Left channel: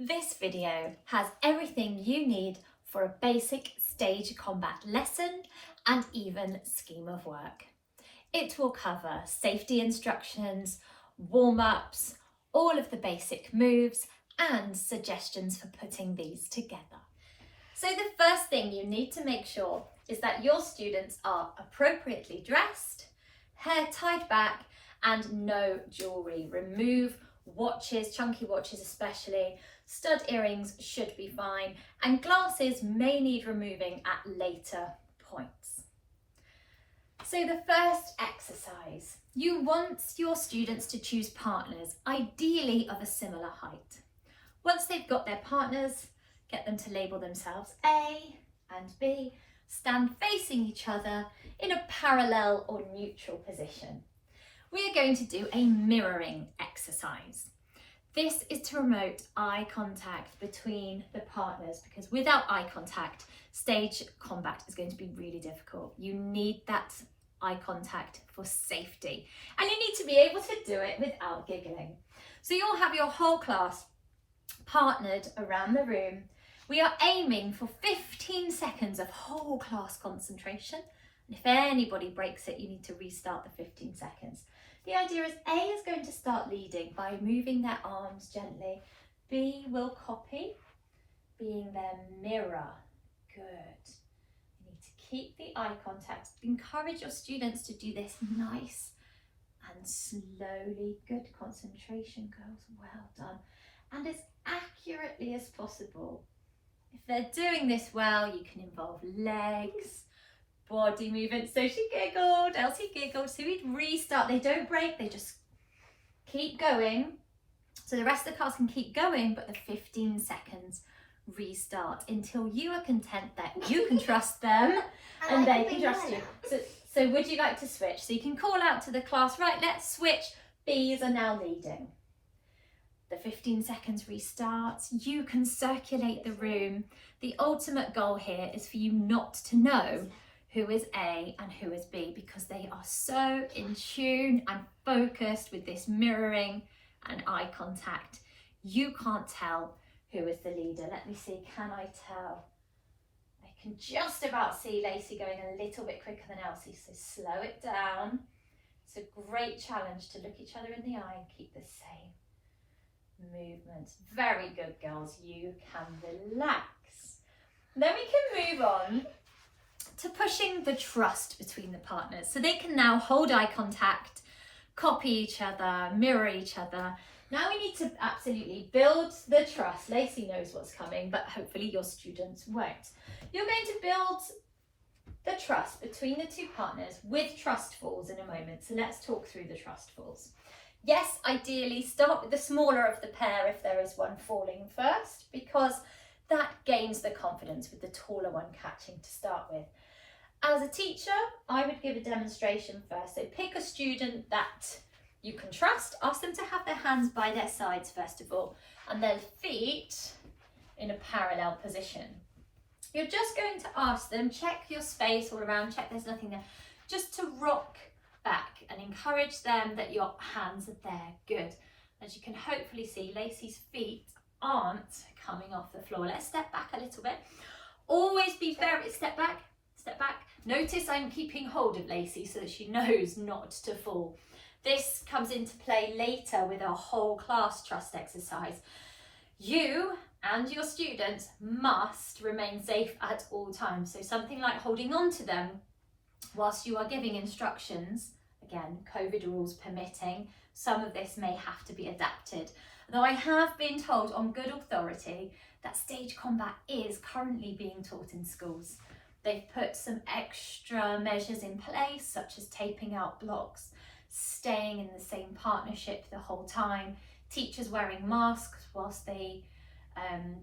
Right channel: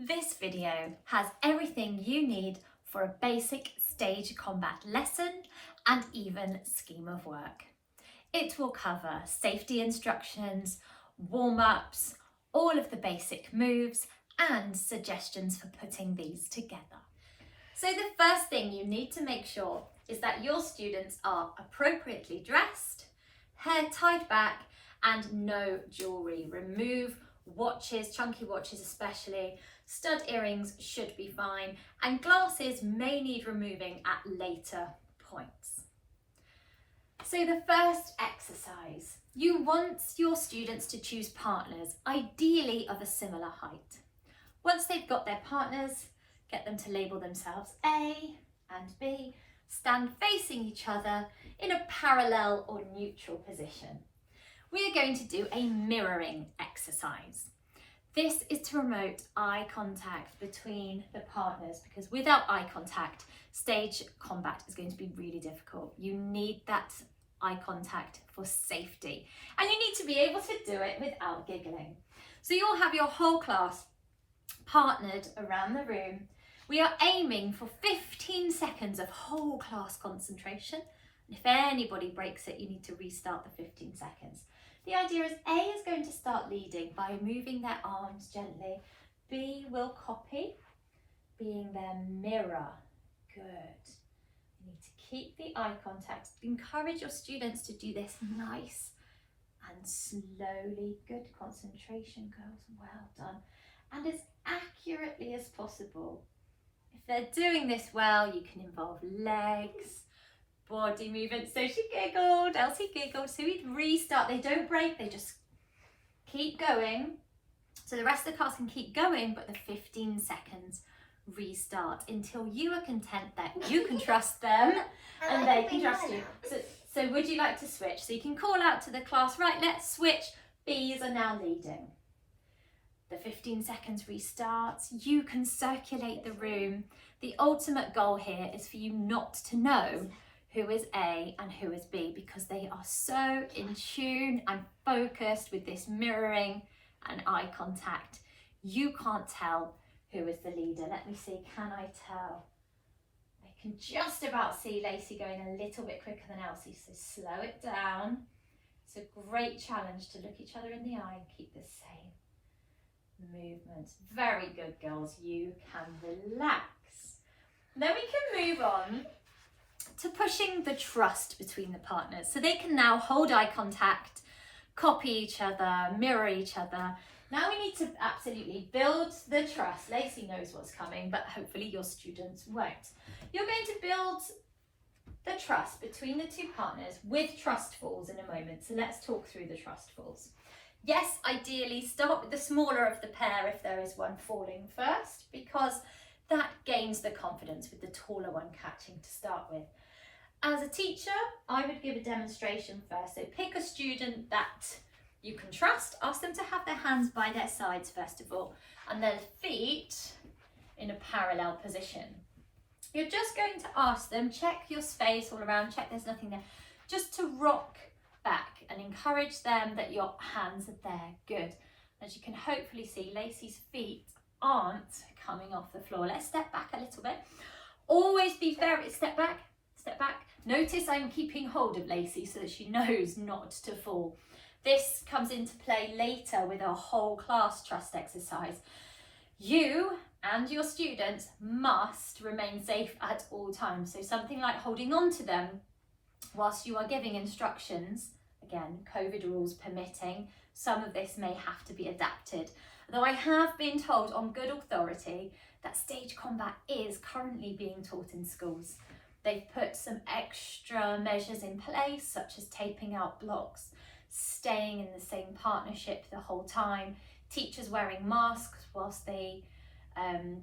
This video has everything you need for a basic stage combat lesson and even scheme of work. It will cover safety instructions, warm-ups, all of the basic moves and suggestions for putting these together. So the first thing you need to make sure is that your students are appropriately dressed, hair tied back and no jewellery. Remove watches, chunky watches especially. Stud earrings should be fine and glasses may need removing at later points. So the first exercise, you want your students to choose partners, ideally of a similar height. Once they've got their partners, get them to label themselves A and B, stand facing each other in a parallel or neutral position. We are going to do a mirroring exercise. This is to promote eye contact between the partners because without eye contact, stage combat is going to be really difficult. You need that eye contact for safety and you need to be able to do it without giggling. So you'll have your whole class partnered around the room. We are aiming for 15 seconds of whole class concentration. And if anybody breaks it, you need to restart the 15 seconds. The idea is A is going to start leading by moving their arms gently. B will copy, being their mirror. Good. You need to keep the eye contact. Encourage your students to do this nice and slowly. Good concentration, girls. Well done. And as accurately as possible. If they're doing this well, you can involve legs, body movement. So she giggled, Elsie giggled. So we restart. They don't break, they just keep going. So the rest of the class can keep going, but the 15 seconds restart until you are content that you can trust them and they can trust you. So would you like to switch? So you can call out to the class, right, let's switch. Bees are now leading. The 15 seconds restarts. You can circulate the room. The ultimate goal here is for you not to know who is A and who is B because they are so in tune and focused with this mirroring and eye contact. You can't tell who is the leader. Let me see, can I tell? I can just about see Lacey going a little bit quicker than Elsie, so slow it down. It's a great challenge to look each other in the eye and keep the same movements. Very good, girls. You can relax. Then we can move on to pushing the trust between the partners. So they can now hold eye contact, copy each other, mirror each other. Now we need to absolutely build the trust. Lacey knows what's coming, but hopefully your students won't. You're going to build the trust between the two partners with trust falls in a moment. So let's talk through the trust falls. Yes, ideally start with the smaller of the pair if there is one falling first, because that gains the confidence with the taller one catching to start with. As a teacher, I would give a demonstration first. So pick a student that you can trust, ask them to have their hands by their sides first of all, and then feet in a parallel position. You're just going to ask them, check your space all around, check there's nothing there, just to rock back and encourage them that your hands are there. Good. As you can hopefully see, Lacey's feet aren't coming off the floor. Let's step back a little bit. Always be very, step back, step back. Notice I'm keeping hold of Lacey so that she knows not to fall. This comes into play later with our whole class trust exercise. You and your students must remain safe at all times. So something like holding on to them whilst you are giving instructions. Again, COVID rules permitting, some of this may have to be adapted. Though I have been told on good authority that stage combat is currently being taught in schools. They've put some extra measures in place, such as taping out blocks, staying in the same partnership the whole time, teachers wearing masks whilst they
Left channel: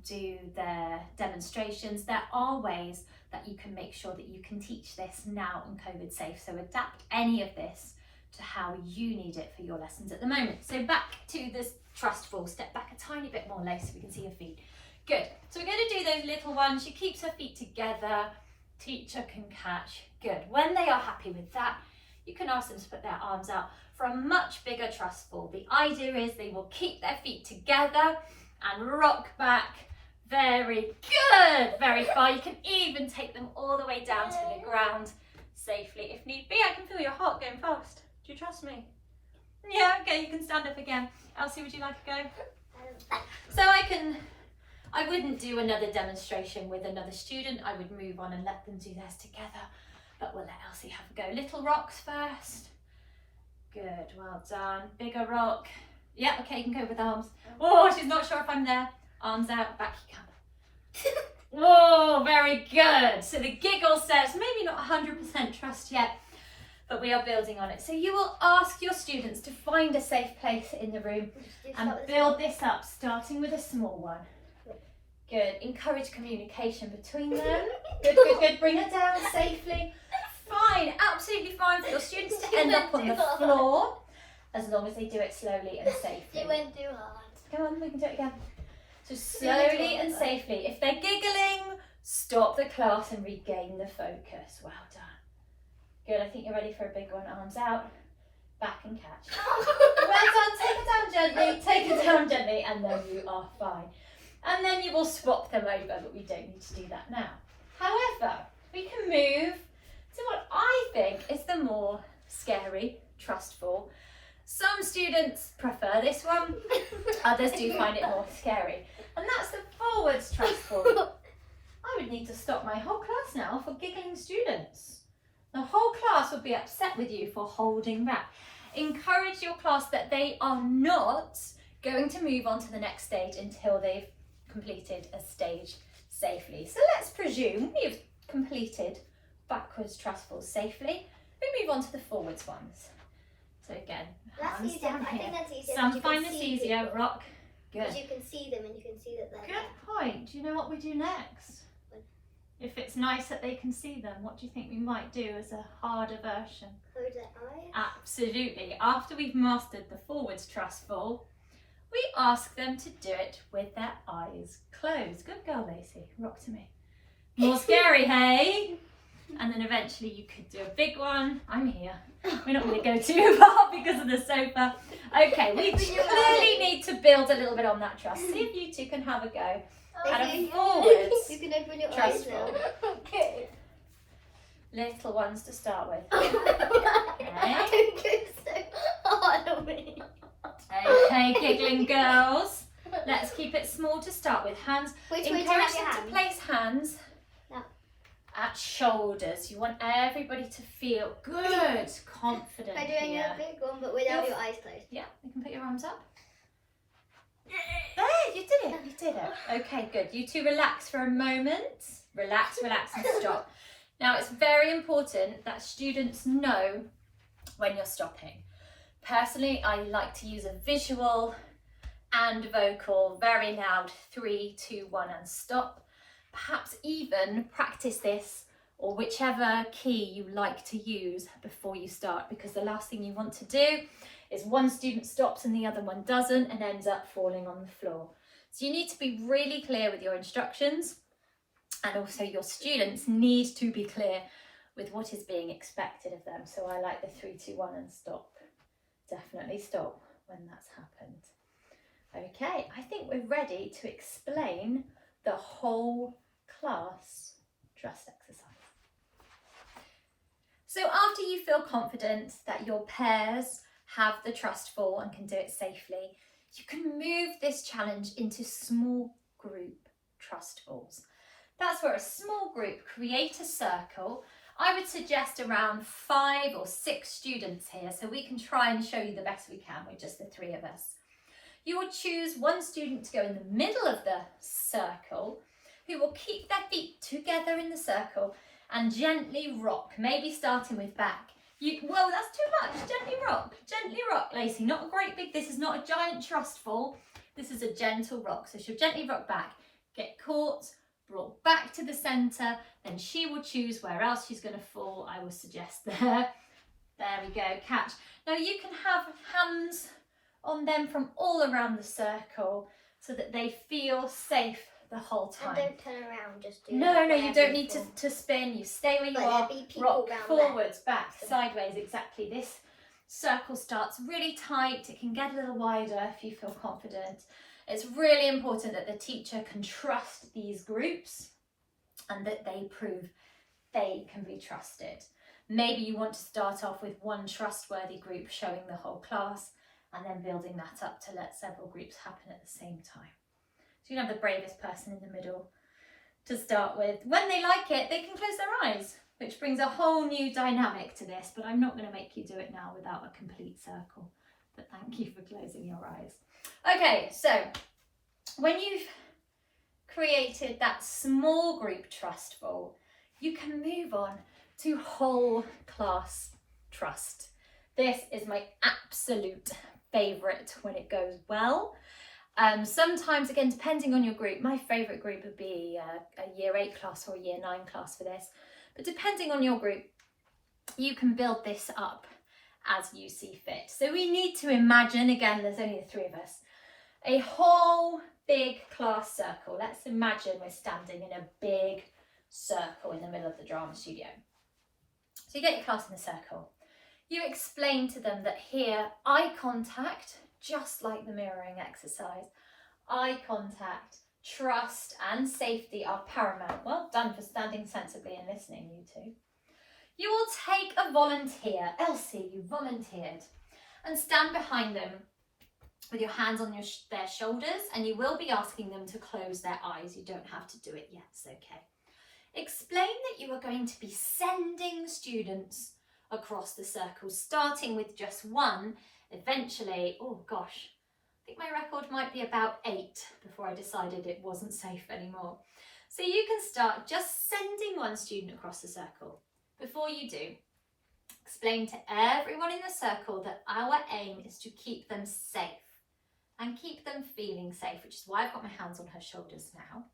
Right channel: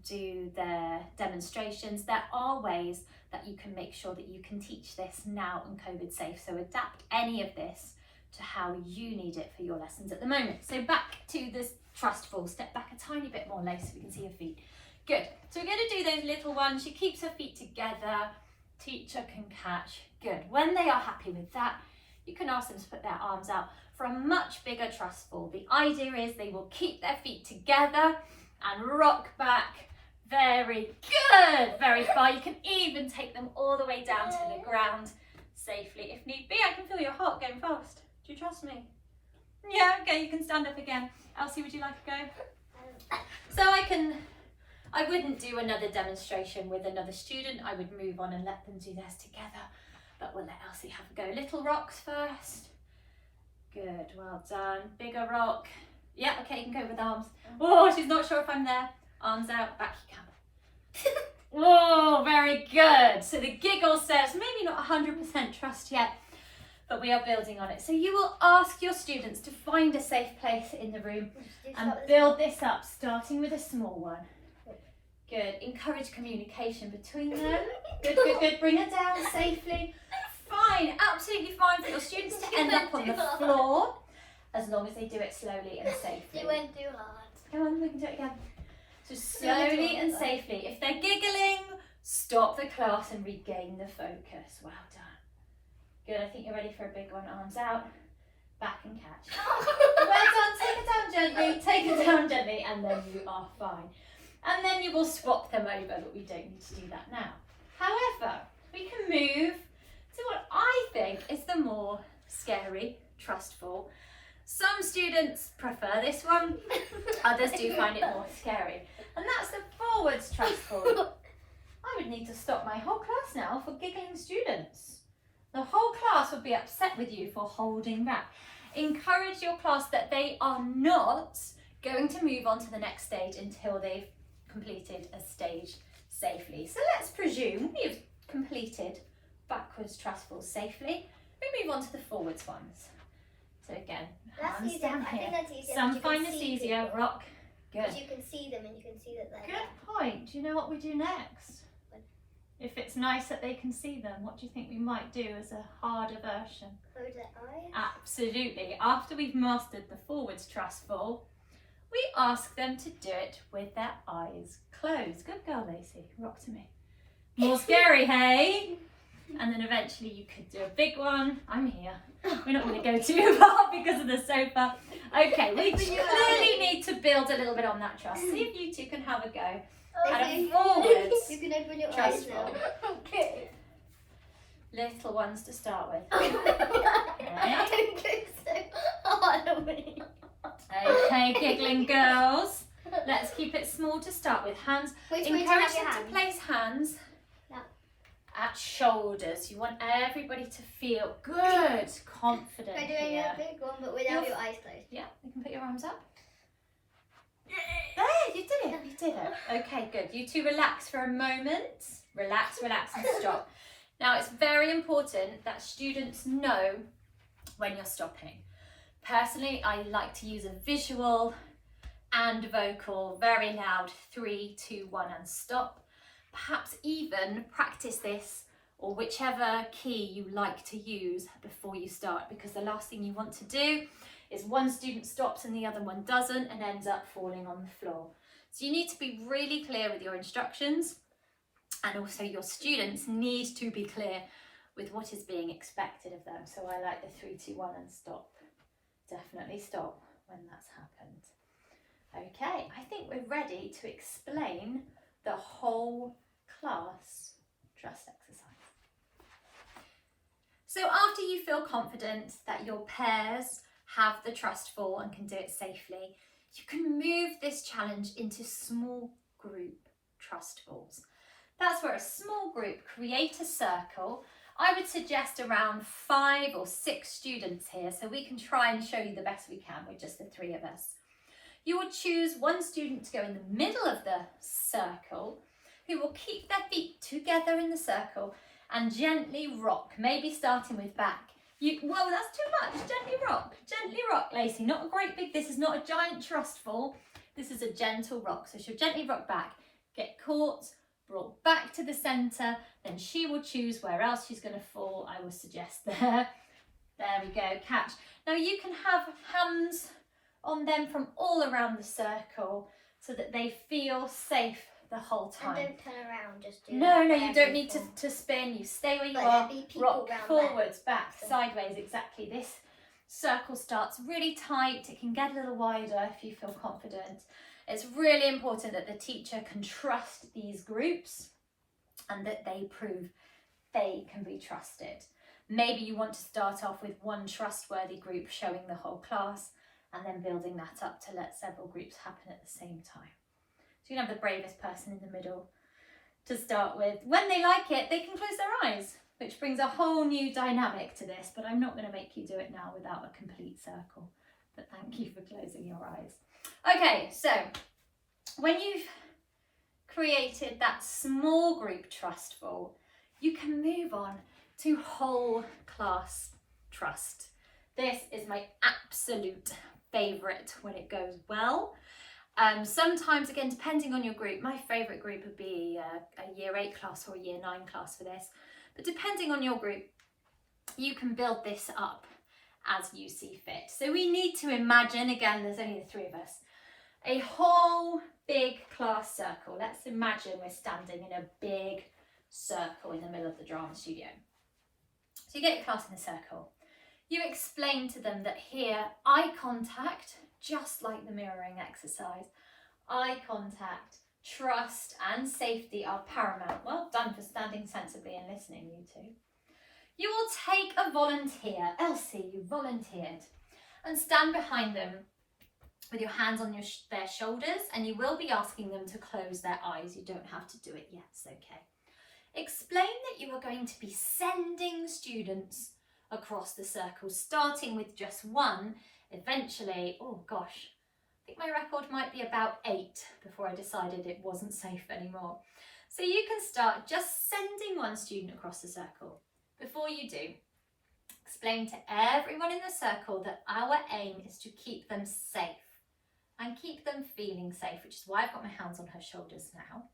do their demonstrations. There are ways that you can make sure that you can teach this now in COVID safe. So adapt any of this to how you need it for your lessons at the moment. So back to this trust fall. Step back a tiny bit more, Lace, so we can see your feet. Good. So we're going to do those little ones. She keeps her feet together. Teacher can catch. Good. When they are happy with that, you can ask them to put their arms out for a much bigger trust fall. The idea is they will keep their feet together and rock back. Very good, very far. You can even take them all the way down to the ground safely if need be. I can feel your heart going fast. Do you trust me? Yeah, okay, you can stand up again. Elsie, would you like a go? So I wouldn't do another demonstration with another student. I would move on and let them do theirs together. But we'll let Elsie have a go. Little rocks first. Good, well done. Bigger rock. Yeah, okay, you can go with arms. Oh, she's not sure if I'm there. Arms out, back you come. Whoa, very good. So the giggle says, maybe not 100% trust yet, but we are building on it. So you will ask your students to find a safe place in the room and build this up, starting with a small one. Good. Encourage communication between them. Good, good, good. Bring her down safely. Fine, absolutely fine for your students to end up on the floor, as long as they do it slowly and safely. It went too hard. Come on, we can do it again. So slowly and safely. If they're giggling, stop the class and regain the focus. Well done. Good, I think you're ready for a big one. Arms out, back and catch. Well done, take it down gently, take it down gently, and then you are fine. And then you will swap them over, but we don't need to do that now. However, we can move to what I think is the more scary, trustful. Some students prefer this one, others do find it more scary. And that's the forwards trustful. I would need to stop my whole class now for giggling students. The whole class would be upset with you for holding back. Encourage your class that they are not going to move on to the next stage until they've completed a stage safely. So let's presume you've completed backwards trustful safely. We move on to the forwards ones. So again, hands down here. Some find this easier. Rock. Good. Because you can see them and you can see that they're there. Good point. Do you know what we do next? If it's nice that they can see them, what do you think we might do as a harder version? Close their eyes? Absolutely. After we've mastered the forwards trustful, we ask them to do it with their eyes closed. Good girl, Lacey. Rock to me. More scary, hey? And then eventually you could do a big one. I'm here. We're not going to go too far because of the sofa. Okay, we clearly need to build a little bit on that trust. See if you two can have a go. And a forwards. You can open your eyes now. Okay. Little ones to start with. Don't go so hard on me. Okay, giggling girls. Let's keep it small to start with. Hands. Which way do you Encourage have your them hands? to place hands at shoulders. You want everybody to feel good, confident I'm doing here. a big one, but without your eyes closed. Yeah, you can put your arms up. There, you did it, you did it. Okay, good. You two relax for a moment. Relax, relax and stop. Now it's very important that students know when you're stopping. Personally, I like to use a visual and vocal, very loud, 3, 2, 1 and stop. Perhaps even practice this or whichever key you like to use before you start, because the last thing you want to do is one student stops and the other one doesn't and ends up falling on the floor. So you need to be really clear with your instructions, and also your students need to be clear with what is being expected of them. So I like the 3, 2, 1 and stop. Definitely stop when that's happened. Okay, I think we're ready to explain the whole class trust exercise. So after you feel confident that your pairs have the trustful and can do it safely, you can move this challenge into small group trustfuls. That's where a small group create a circle. I would suggest around 5 or 6 students here, so we can try and show you the best we can with just the 3 of us. You will choose one student to go in the middle of the circle, who will keep their feet together in the circle and gently rock, maybe starting with back. Whoa, that's too much. Gently rock, Lacey. Not a great big, this is not a giant trustful. This is a gentle rock. So she'll gently rock back, get caught, brought back to the centre, then she will choose where else she's going to fall. I would suggest there. There we go, catch. Now you can have hands on them from all around the circle so that they feel safe the whole time. And don't turn around, just do No, you don't need to spin. You stay where you are. Rock forwards, back, sideways, exactly. This circle starts really tight. It can get a little wider if you feel confident. It's really important that the teacher can trust these groups and that they prove they can be trusted. Maybe you want to start off with one trustworthy group showing the whole class and then building that up to let several groups happen at the same time. So you can have the bravest person in the middle to start with. When they like it, they can close their eyes, which brings a whole new dynamic to this, but I'm not going to make you do it now without a complete circle. But thank you for closing your eyes. Okay, so when you've created that small group trustful, you can move on to whole class trust. This is my absolute favourite when it goes well. Sometimes, again, depending on your group, my favourite group would be a year 8 class or a year 9 class for this. But depending on your group, you can build this up as you see fit. So we need to imagine, again, there's only the 3 of us, a whole big class circle. Let's imagine we're standing in a big circle in the middle of the drama studio. So you get your class in a circle. You explain to them that here, eye contact, just like the mirroring exercise, eye contact, trust and safety are paramount. Well done for standing sensibly and listening, you two. You will take a volunteer. Elsie, you volunteered. And stand behind them with your hands on their shoulders, and you will be asking them to close their eyes. You don't have to do it yet, it's okay. Explain that you are going to be sending students across the circle, starting with just 1, eventually, oh gosh, I think my record might be about 8 before I decided it wasn't safe anymore. So you can start just sending 1 student across the circle. Before you do, explain to everyone in the circle that our aim is to keep them safe and keep them feeling safe, which is why I've got my hands on her shoulders now.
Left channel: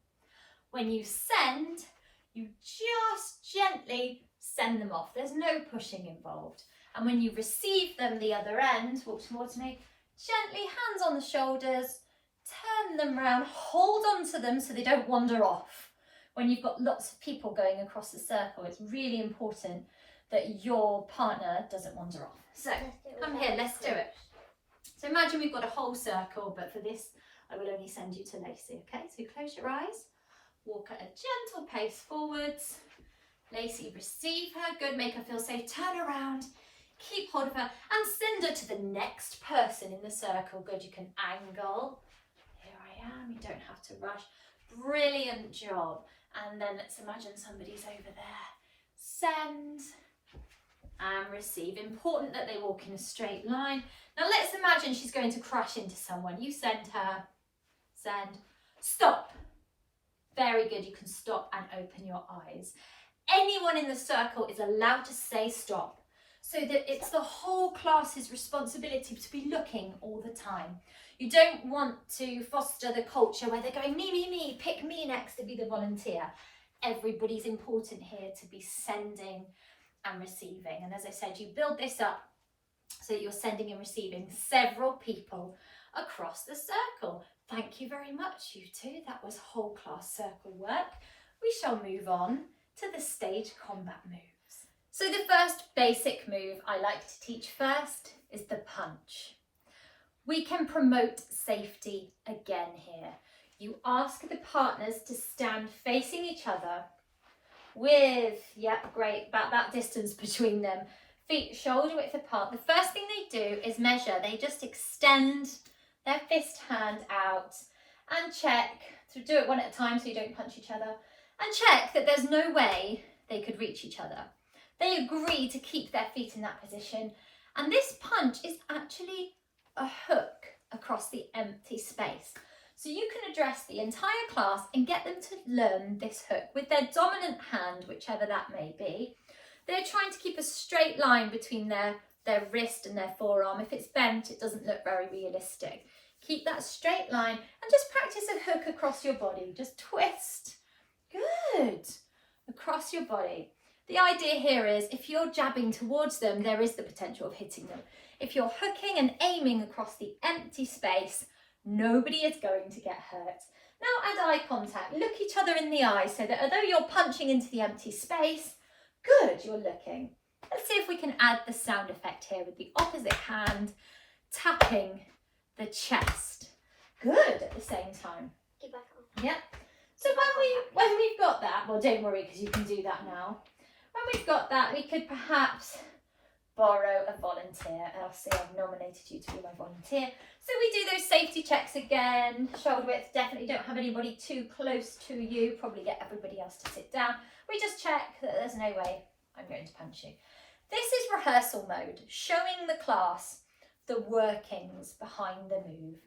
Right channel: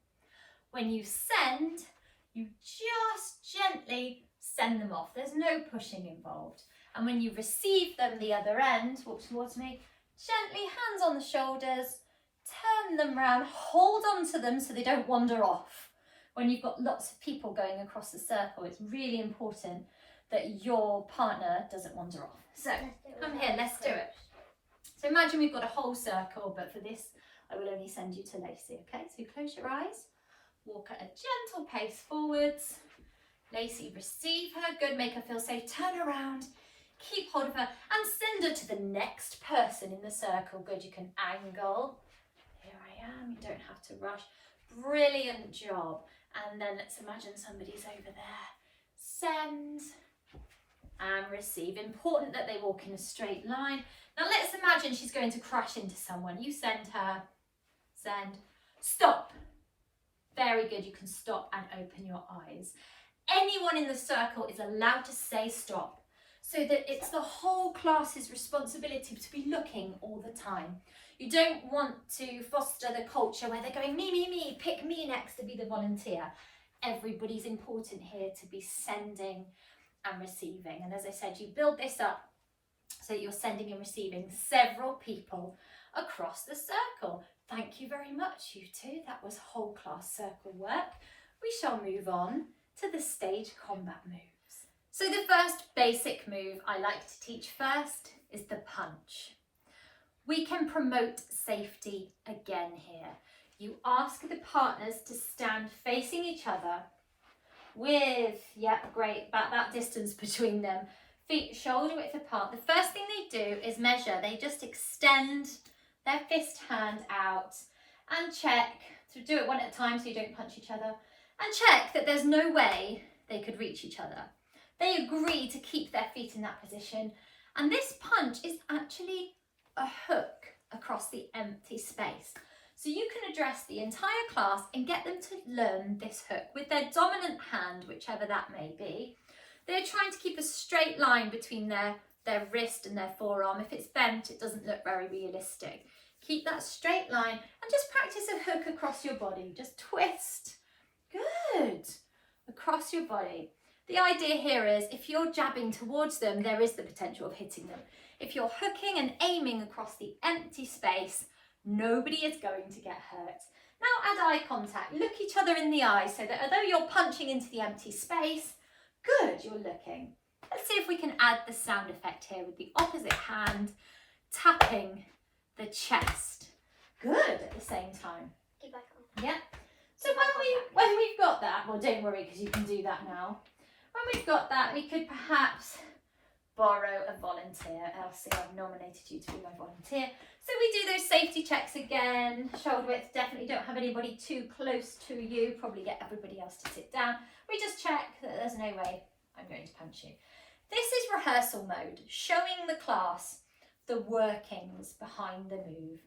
When you send, you just gently send them off. There's no pushing involved. And when you receive them the other end, walk towards me, gently hands on the shoulders, turn them round, hold on to them so they don't wander off. When you've got lots of people going across the circle, it's really important that your partner doesn't wander off. So come here, let's do it. So imagine we've got a whole circle, but for this, I will only send you to Lacey, okay? So close your eyes, walk at a gentle pace forwards. Lacey, receive her, good, make her feel safe, turn around, keep hold of her, and send her to the next person in the circle. Good, you can angle. Here I am, you don't have to rush. Brilliant job. And then let's imagine somebody's over there. Send and receive. Important that they walk in a straight line. Now let's imagine she's going to crash into someone. You send her, send, stop. Very good, you can stop and open your eyes. Anyone in the circle is allowed to say stop, so that it's the whole class's responsibility to be looking all the time. You don't want to foster the culture where they're going, me, pick me next to be the volunteer. Everybody's important here to be sending and receiving. And as I said, you build this up so that you're sending and receiving several people across the circle. Thank you very much, you two. That was whole class circle work. We shall move on to the stage combat moves. So the first basic move I like to teach first is the punch. We can promote safety again here. You ask the partners to stand facing each other with, great, about that distance between them, feet shoulder width apart. The first thing they do is measure. They just extend their fist hand out and check, to do it one at a time so you don't punch each other, and check that there's no way they could reach each other. They agree to keep their feet in that position, and this punch is actually a hook across the empty space. So you can address the entire class and get them to learn this hook with their dominant hand, whichever that may be. They're trying to keep a straight line between their wrist and their forearm. If it's bent, it doesn't look very realistic. Keep that straight line and just practice a hook across your body. Just twist. Good. Across your body. The idea here is if you're jabbing towards them, there is the potential of hitting them. If you're hooking and aiming across the empty space, nobody is going to get hurt. Now add eye contact. Look each other in the eye so that although you're punching into the empty space, good, you're looking. Let's see if we can add the sound effect here with the opposite hand tapping the chest. good at the same time. Get back on. Yeah. So when we've got that, well, don't worry because you can do that now. When we've got that, we could perhaps borrow a volunteer. Elsie, I've nominated you to be my volunteer. So we do those safety checks again. Shoulder width, definitely don't have anybody too close to you. Probably get everybody else to sit down. We just check that there's no way I'm going to punch you. This is rehearsal mode, showing the class the workings behind the move.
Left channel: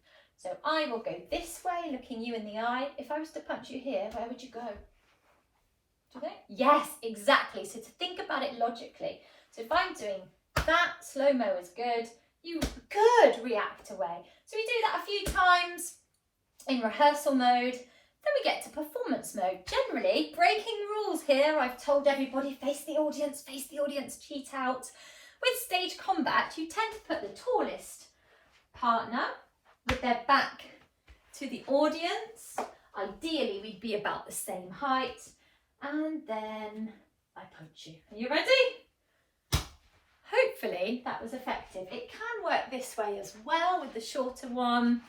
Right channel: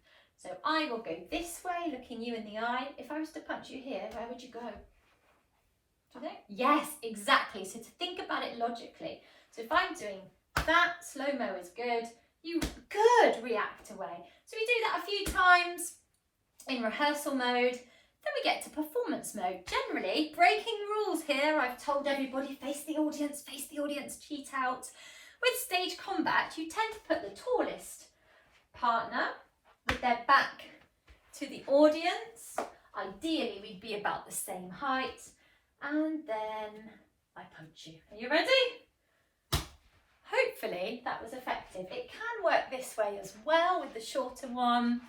So I will go this way, looking you in the eye. If I was to punch you here, where would you go? Do you think? Yes, exactly. So to think about it logically. So if I'm doing that, slow-mo is good. You could react away. So we do that a few times in rehearsal mode. Then we get to performance mode. Generally, breaking rules here. I've told everybody, face the audience, cheat out. With stage combat, you tend to put the tallest partner with their back to the audience. Ideally, we'd be about the same height. And then I punch you. Are you ready? Hopefully that was effective. It can work this way as well with the shorter one.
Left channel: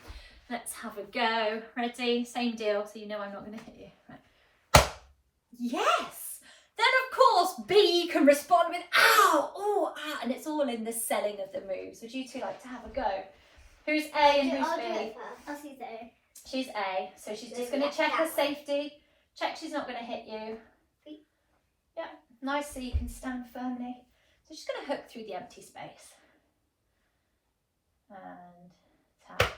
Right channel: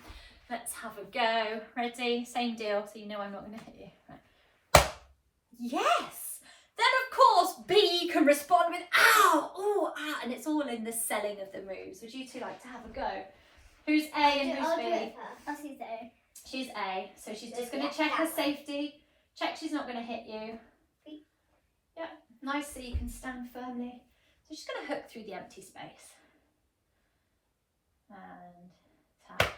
Let's have a go. Ready? Same deal, so you know I'm not going to hit you. Right. Yes! Then of course B can respond with ow, oh, ah, and it's all in the selling of the moves. Would you two like to have a go? Who's A and who's B? Elsie's A. She's A, so she's just going to check her safety. Check she's not going to hit you. Yeah, nice so you can stand firmly. So just going to hook through the empty space. And tap.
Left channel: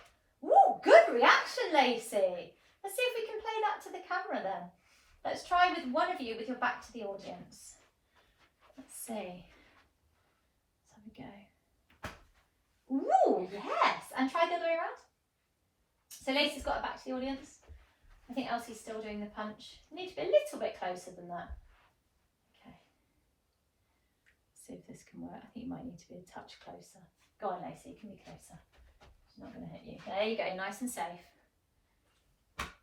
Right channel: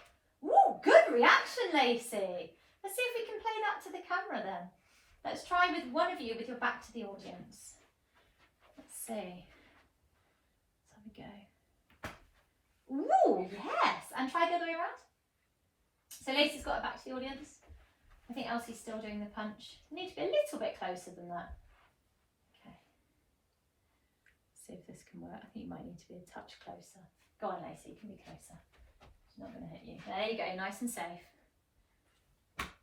Ooh, good reaction, Lacey. Let's see if we can play that to the camera then. Let's try with one of you with your back to the audience. Let's see. Let's have a go. Ooh, yes. And try the other way around. So Lacey's got her back to the audience. I think Elsie's still doing the punch. You need to be a little bit closer than that. Okay. See if this can work. I think you might need to be a touch closer. Go on, Lacey, you can be closer. She's not going to hit you. There you go, nice and safe.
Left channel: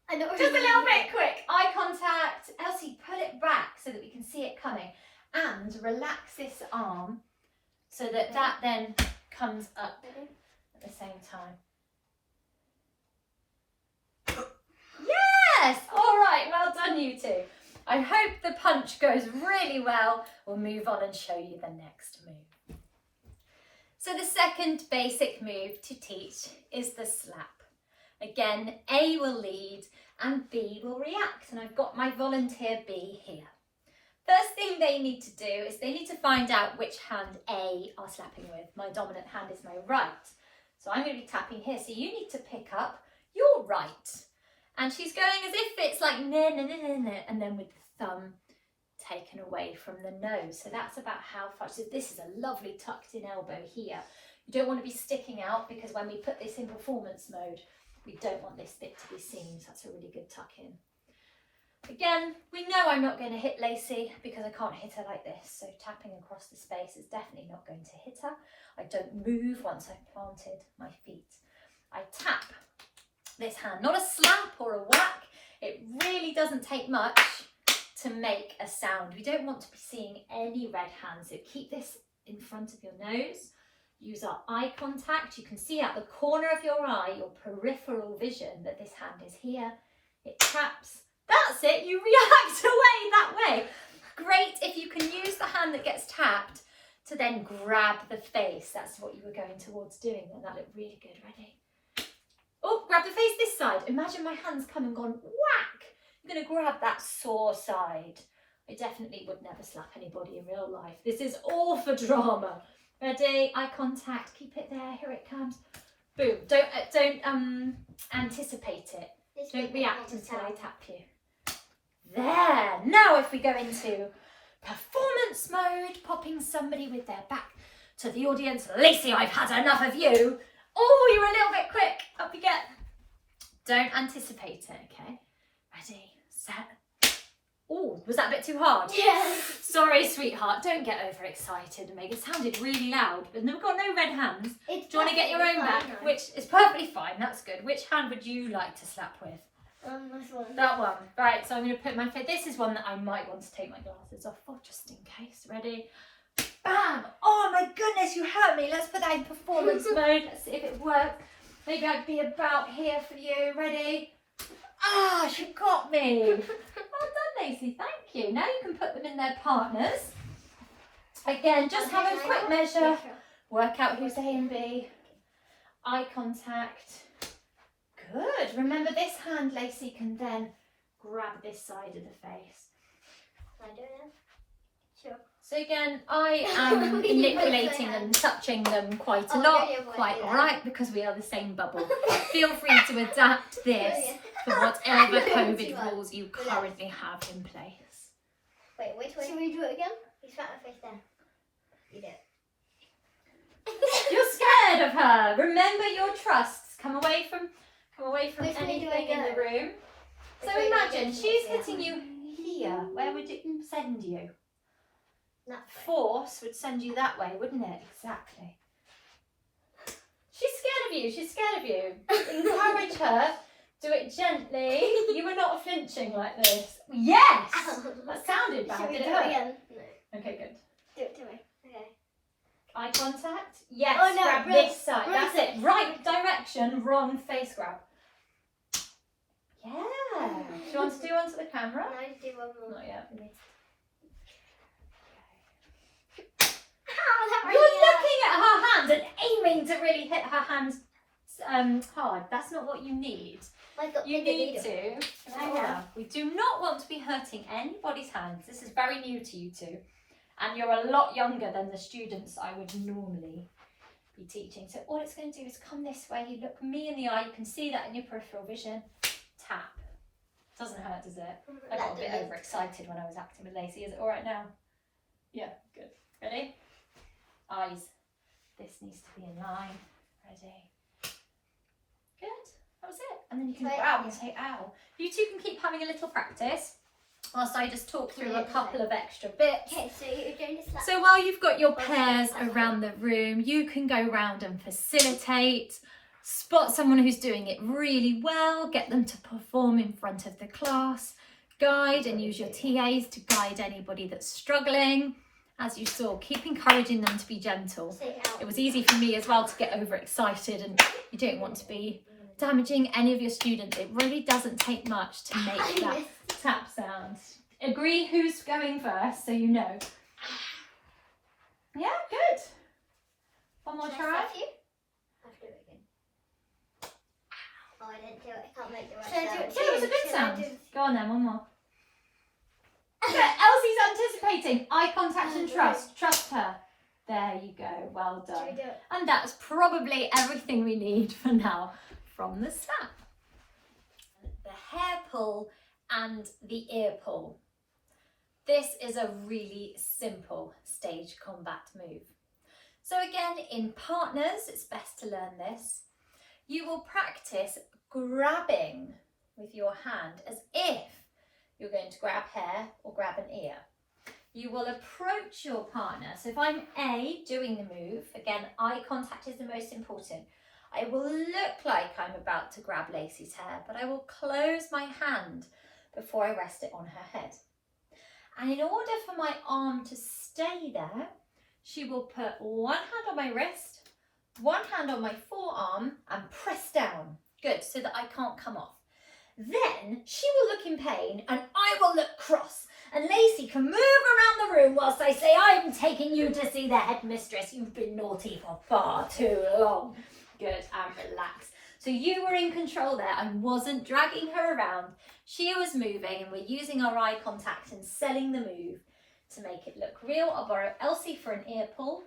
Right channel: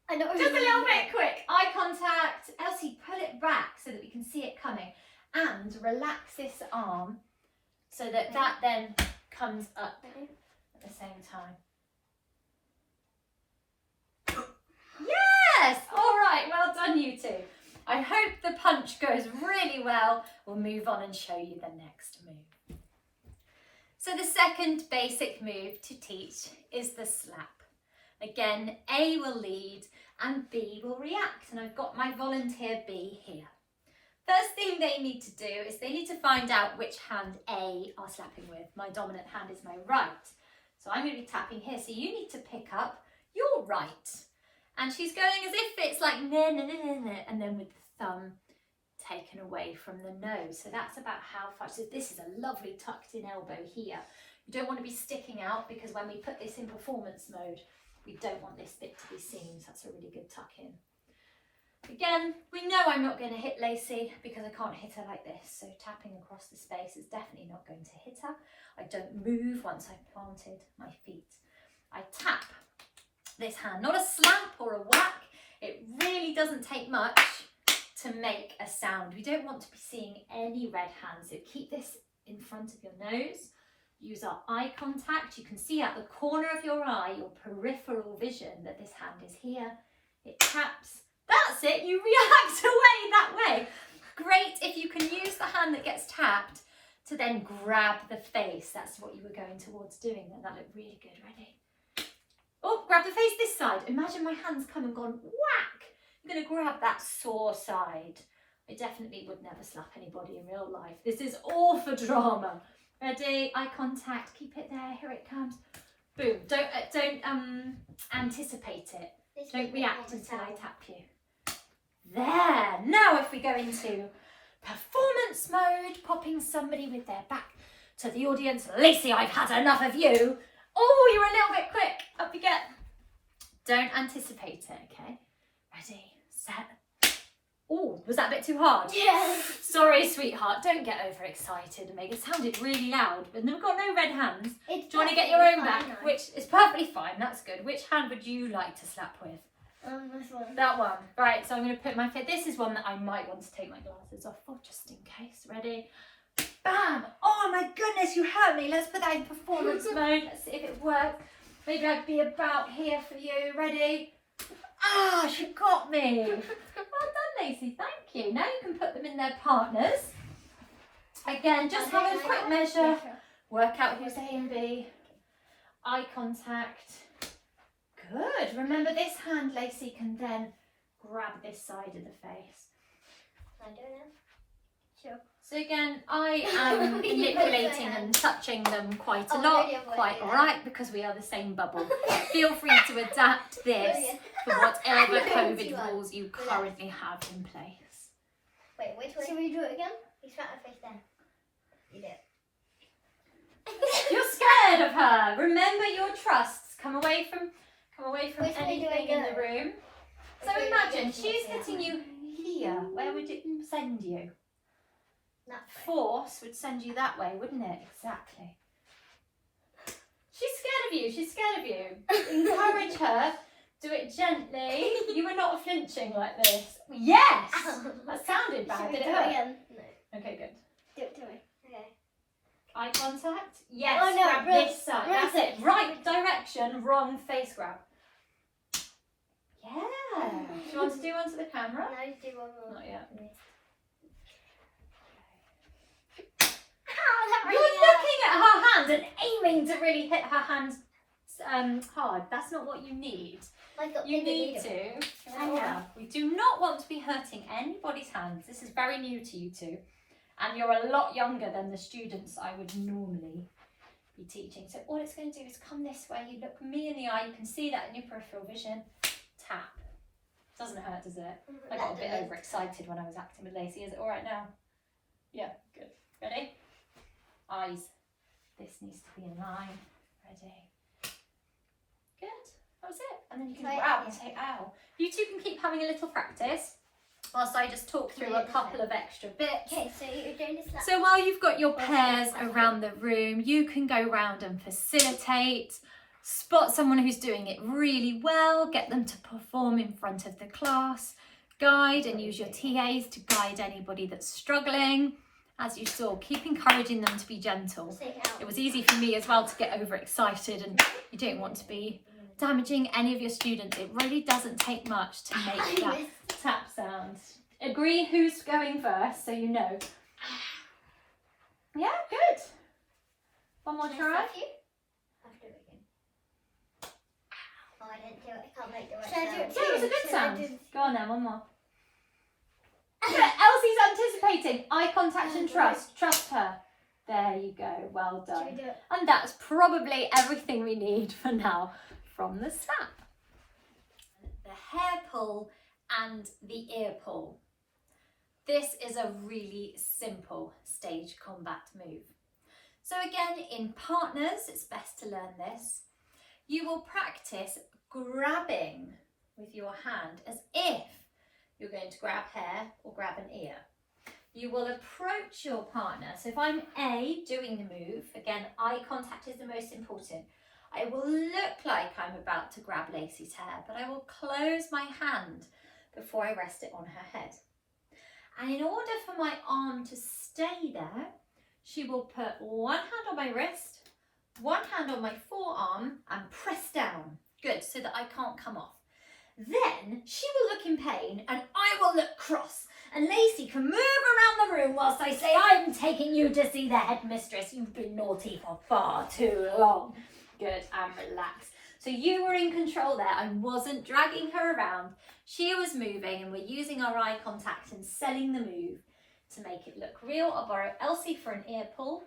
I know. Just a little bit quick. Eye contact. Elsie, pull it back so that we can see it coming. And relax this arm so that that then comes up at the same time. Yes! All right, well done you two. I hope the punch goes really well. We'll move on and show you the next move. So the second basic move to teach is the slap. Again, A will lead and B will react, and I've got my volunteer B here. First thing they need to do is they need to find out which hand A are slapping with. My dominant hand is my right. So I'm going to be tapping here, so you need to pick up your right. And she's going as if it's like na na na na na, and then with the thumb taken away from the nose. So that's about how far. So this is a lovely tucked in elbow here. You don't want to be sticking out because when we put this in performance mode, we don't want this bit to be seen. So that's a really good tuck in. Again, we know I'm not going to hit Lacey because I can't hit her like this. So tapping across the space is definitely not going to hit her. I don't move once I've planted my feet. I tap this hand, not a slap or a whack. It really doesn't take much to make a sound. We don't want to be seeing any red hands, so keep this in front of your nose. Use our eye contact. You can see out the corner of your eye, your peripheral vision, that this hand is here. It taps. That's it, you react away that way. Great if you can use the hand that gets tapped to then grab the face. That's what you were going towards doing, and that looked really good. Ready? Oh, grab the face this side. Imagine my hand's come and gone whack. I'm going to grab that sore side. I definitely would never slap anybody in real life. This is all for drama. Ready? Eye contact. Keep it there. Here it comes. Boom. Don't anticipate it. Don't react until I tap you. There. Now if we go into performance mode, popping somebody with their back to the audience. Lacey, I've had enough of you. Oh, you're a little bit quick. Up you get. Don't anticipate it, okay? Ready, set. Oh, was that a bit too hard? Yes. Sorry, sweetheart. Don't get overexcited and make it sounded really loud. But we've got no red hands. Do you want to get your own back? Which is perfectly fine. That's good. Which hand would you like to slap with? This one. That one. Right, so I'm going to put my foot. This is one that I might want to take my glasses off for, just in case. Ready? Bam! Oh my goodness, you hurt me. Let's put that in performance mode. Let's see if it works. Maybe I'd be about here for you. Ready? Ah, she got me. Well done, Lacey. Thank you. Now you can put them in their partners. Again, just have a quick measure. Work out who's A and B. Eye contact. Good. Remember, this hand, Lacey, can then grab this side of the face. Can I do it? Sure. So again, I am manipulating and touching them quite a lot. Quite alright, because we are the same bubble. Feel free to adapt this for whatever COVID rules you currently have in place. Wait. Should we do it again? You spat my face then. You do it. You're scared of her. Remember your trusts. Come away from Which way do I anything in go? the room. So Which way do I imagine go? she's hitting you here. Where would it send you? That way. Force would send you that way, wouldn't it? Exactly. She's scared of you. She's scared of you. Encourage her. Do it gently. You were not flinching like this. Yes. That sounded bad. Should we Did do it it hurt? again? No. Okay, good. Do it to me. Okay. Eye contact. Yes. Oh, no, grab wrong- this side. wrong That's side. it. Right direction. Wrong face grab. Yeah. Do you want to do one to the camera? Can I do one more? Not yet. Ow, that You're really looking at her hand and aiming to really hit her hand hard. That's not what you need. I got You bigger need needle. to. I know. We do not want to be hurting anybody's hands. This is very new to you two. And you're a lot younger than the students I would normally be teaching. So all it's going to do is come this way. You look me in the eye. You can see that in your peripheral vision. Tap. Doesn't hurt, does it? I got a bit overexcited when I was acting with Lacey. Is it all right now? Yeah, good. Ready? Eyes. This needs to be in line. Ready? Good. That was it. And then you can Say grab ow. and say ow. You two can keep having a little practice whilst I just talk through a couple of extra bits. Okay, so you're doing this like So while you've got your pairs around the room, you can go round and facilitate, spot someone who's doing it really well, get them to perform in front of the class, guide and use your TAs to guide anybody that's struggling. As you saw, keep encouraging them to be gentle. say ow. It was easy for me as well to get overexcited, and you don't want to be damaging any of your students. It really doesn't take much to make that tap sound. Agree who's going first so you know. Yeah, good. One more Can I try. stop you? I'll do it again. Oh, I didn't do it. I can't make the right sound. Yeah, it was a good Should I sound. do- Go on then, one more. Yeah, Elsie's anticipating. Eye contact and trust. Trust her. There you go. Well Should we done. do it? And that's probably everything we need for now from the snap. The hair pull and the ear pull. This is a really simple stage combat move. So again, in partners, it's best to learn this. You will practice grabbing with your hand as if you're going to grab hair or grab an ear. You will approach your partner. So if I'm A, doing the move, again, eye contact is the most important. I will look like I'm about to grab Lacey's hair, but I will close my hand before I rest it on her head. And in order for my arm to stay there, she will put one hand on my wrist, one hand on my forearm, and press down. Good, so that I can't come off. Then she will look in pain and I will look cross. And Lacey can move around the room whilst I say, I'm taking you to see the headmistress. You've been naughty for far too long. Good, and relax. So you were in control there. I wasn't dragging her around. She was moving and we're using our eye contact and selling the move to make it look real. I'll borrow Elsie for an ear pull.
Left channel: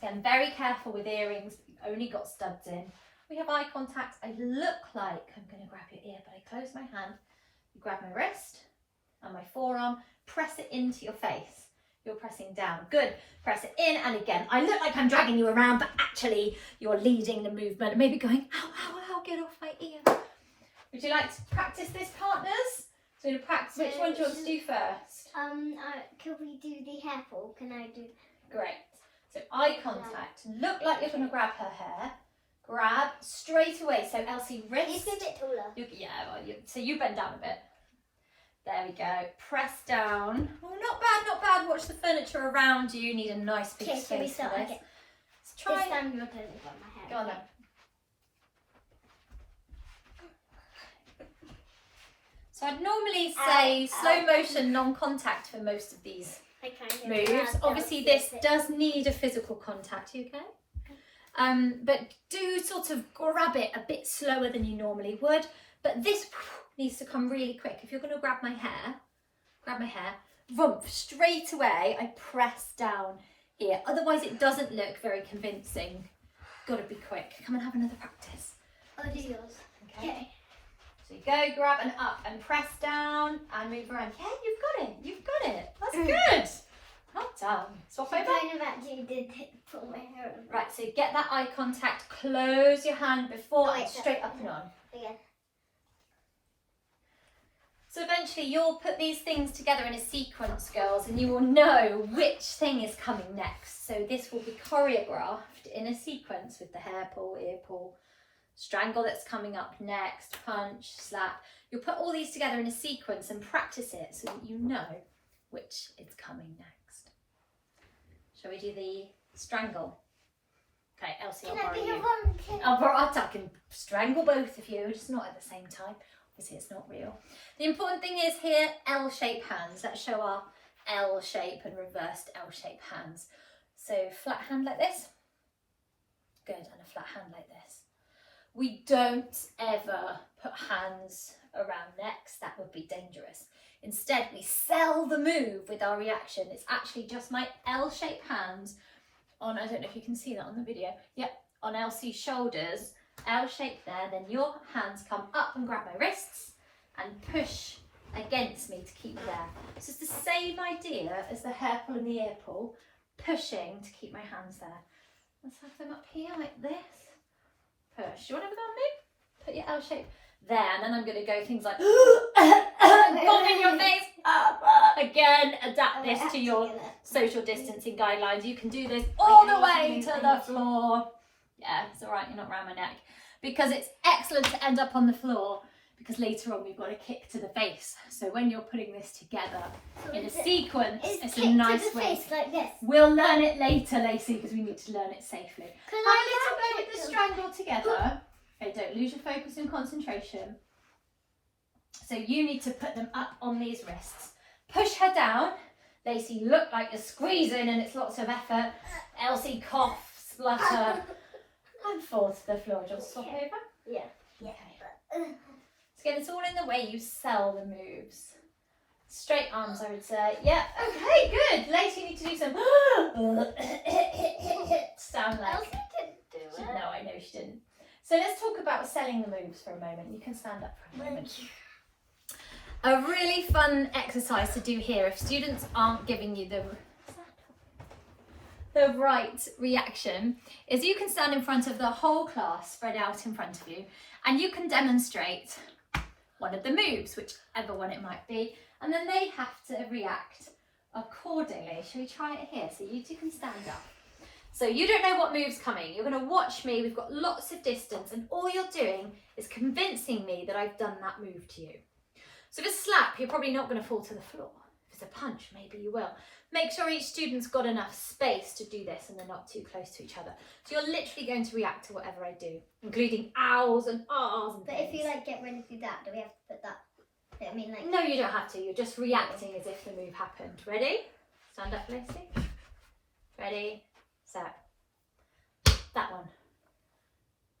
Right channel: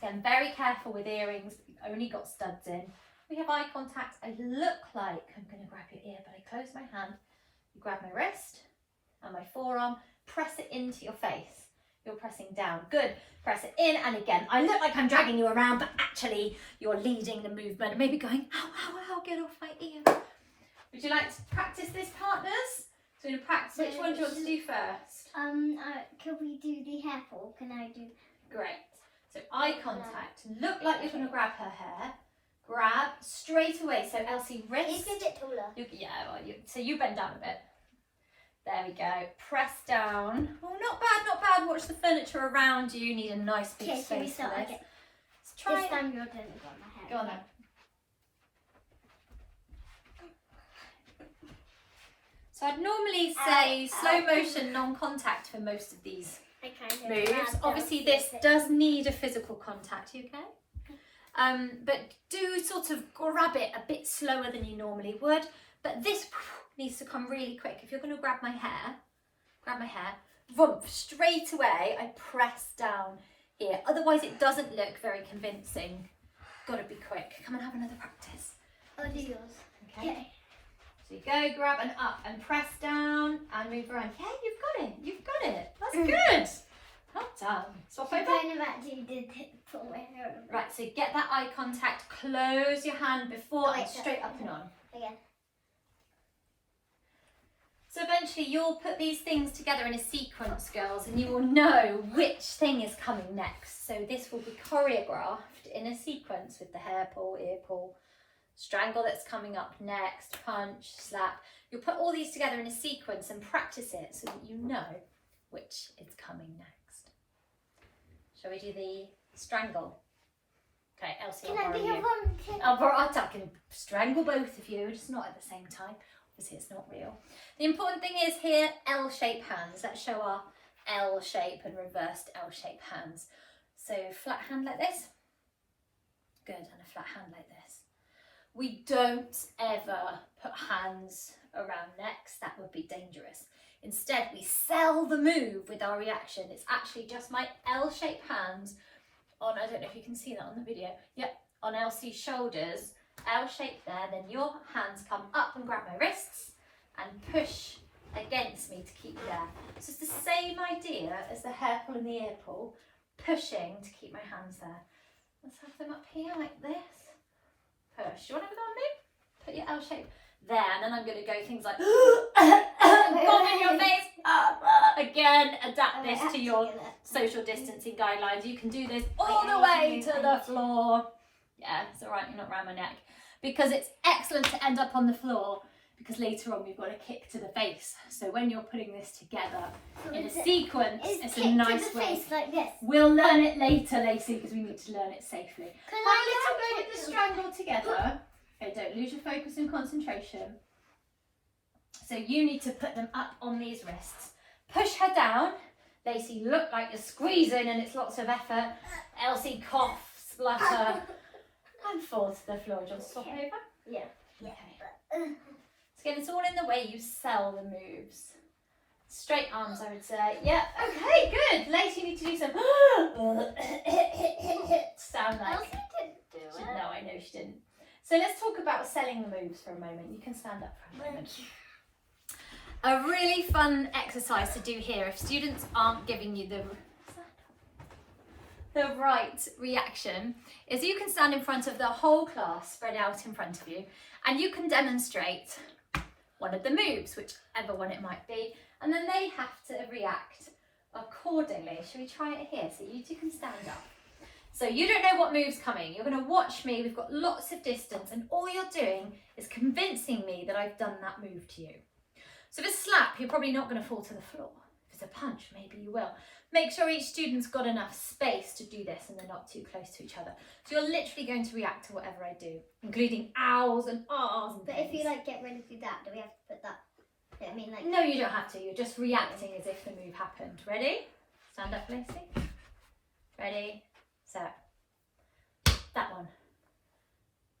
Again, very careful with earrings. You've only got studs in. We have eye contact. I look like I'm going to grab your ear, but I close my hand. You grab my wrist and my forearm. Press it into your face. You're pressing down. Good. Press it in, and again, I look like I'm dragging you around, but actually you're leading the movement. Maybe going, ow, ow, ow, get off my ear. Would you like to practice this, partners? So to practice, which one do you want to do first? Can we do the hair pull? Can I do? Great. So eye contact. Look like you're going to grab her hair. Grab straight away. So Elsie, You wrist. can get taller. So you bend down a bit. There we go. Press down. Oh, not bad, not bad. Watch the furniture around you. You need a nice big Okay, so we space for start this. again. Let's try This it. time you're turning on my hair. Go on then. So I'd normally say slow motion, non-contact for most of these moves. Obviously this does need a physical contact, okay? But do sort of grab it a bit slower than you normally would. But this needs to come really quick. If you're going to grab my hair, straight away I press down here. Otherwise it doesn't look very convincing. Got to be quick. Come and have another practice. I'll do yours. Okay. So you go, grab and up and press down and move around. Yeah, you've got it. That's good. Well done. Swap over. I kind of actually did put my hair over. Right, so get that eye contact. Close your hand before and straight up and on. Again. So eventually you'll put these things together in a sequence, girls, and you will know which thing is coming next. So this will be choreographed in a sequence with the hair pull, ear pull, strangle that's coming up next, punch, slap. You'll put all these together in a sequence and practice it so that you know which is coming next. Shall we do the strangle? Okay, Elsie, I'll borrow you. I can strangle both of you, just not at the same time. Obviously it's not real. The important thing is here, L-shaped hands. Let's show our L shape and reversed L-shaped hands. So flat hand like this. Good, and a flat hand like this. We don't ever put hands around necks. That would be dangerous. Instead, we sell the move with our reaction. It's actually just my L-shaped hands on, I don't know if you can see that on the video. Yep, on Elsie's shoulders. L-shaped there, then your hands come up and grab my wrists and push against me to keep there. So it's the same idea as the hair pull and the ear pull, pushing to keep my hands there. Let's have them up here like this. Push. You want to have a go on me? Put your L shape there, and then I'm going to go things like bomb in your face. Again, adapt this to your social distancing guidelines. You can do this all the way to the floor. Yeah, it's all right, you're not around my neck. Because it's excellent to end up on the floor, because later on we've got a kick to the face. So when you're putting this together in a sequence, it's a nice way. Face like this. We'll learn it later, Lacey, because we need to learn it safely. Have a little play with the strangle together. Okay, don't lose your focus and concentration. So you need to put them up on these wrists. Push her down. Lacey, you look like you're squeezing and it's lots of effort. Elsie, cough, splutter. And fall to the floor. Just swap over? Yeah. Okay. So again, it's all in the way you sell the moves. Straight arms, I would say. Yeah, okay, good. Lacey, you need to do some stand like. Elsie didn't do it. No, I know she didn't. So let's talk about selling the moves for a moment. You can stand up for a moment. A really fun exercise to do here if students aren't giving you the right reaction is you can stand in front of the whole class spread out in front of you and you can demonstrate one of the moves, whichever one it might be, and then they have to react accordingly. Shall we try it here? So you two can stand up. So you don't know what move's coming. You're going to watch me. We've got lots of distance and all you're doing is convincing me that I've done that move to you. So if it's a slap, you're probably not going to fall to the floor. If it's a punch, maybe you will. Make sure each student's got enough space to do this and they're not too close to each other. So you're literally going to react to whatever I do, including owls and ahs and But things. if you get ready to do that, do we have to put that? I mean, No, you don't have to. You're just reacting as if the move happened. Ready? Stand up, Lacey. Ready, set. That one.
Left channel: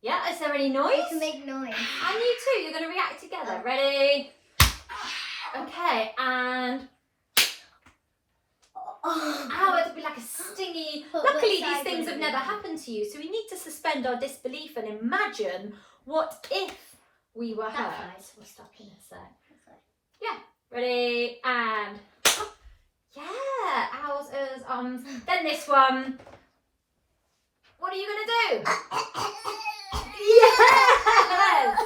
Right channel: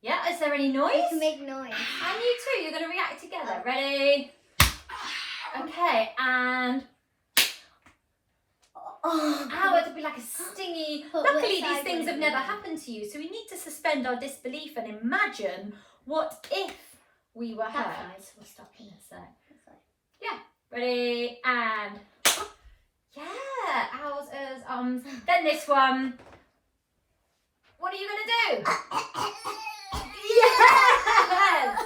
Yeah, is there any noise? You can make noise. And you too, you're going to react together. Ready? Okay, and... Ow, it'll be like a stingy... Luckily, these things have never happened to you, so we need to suspend our disbelief and imagine what if we were hurt. We'll stop in a sec. Yeah, ready, and... Yeah, owls, ers, Then this one. What are you going to do? Yes!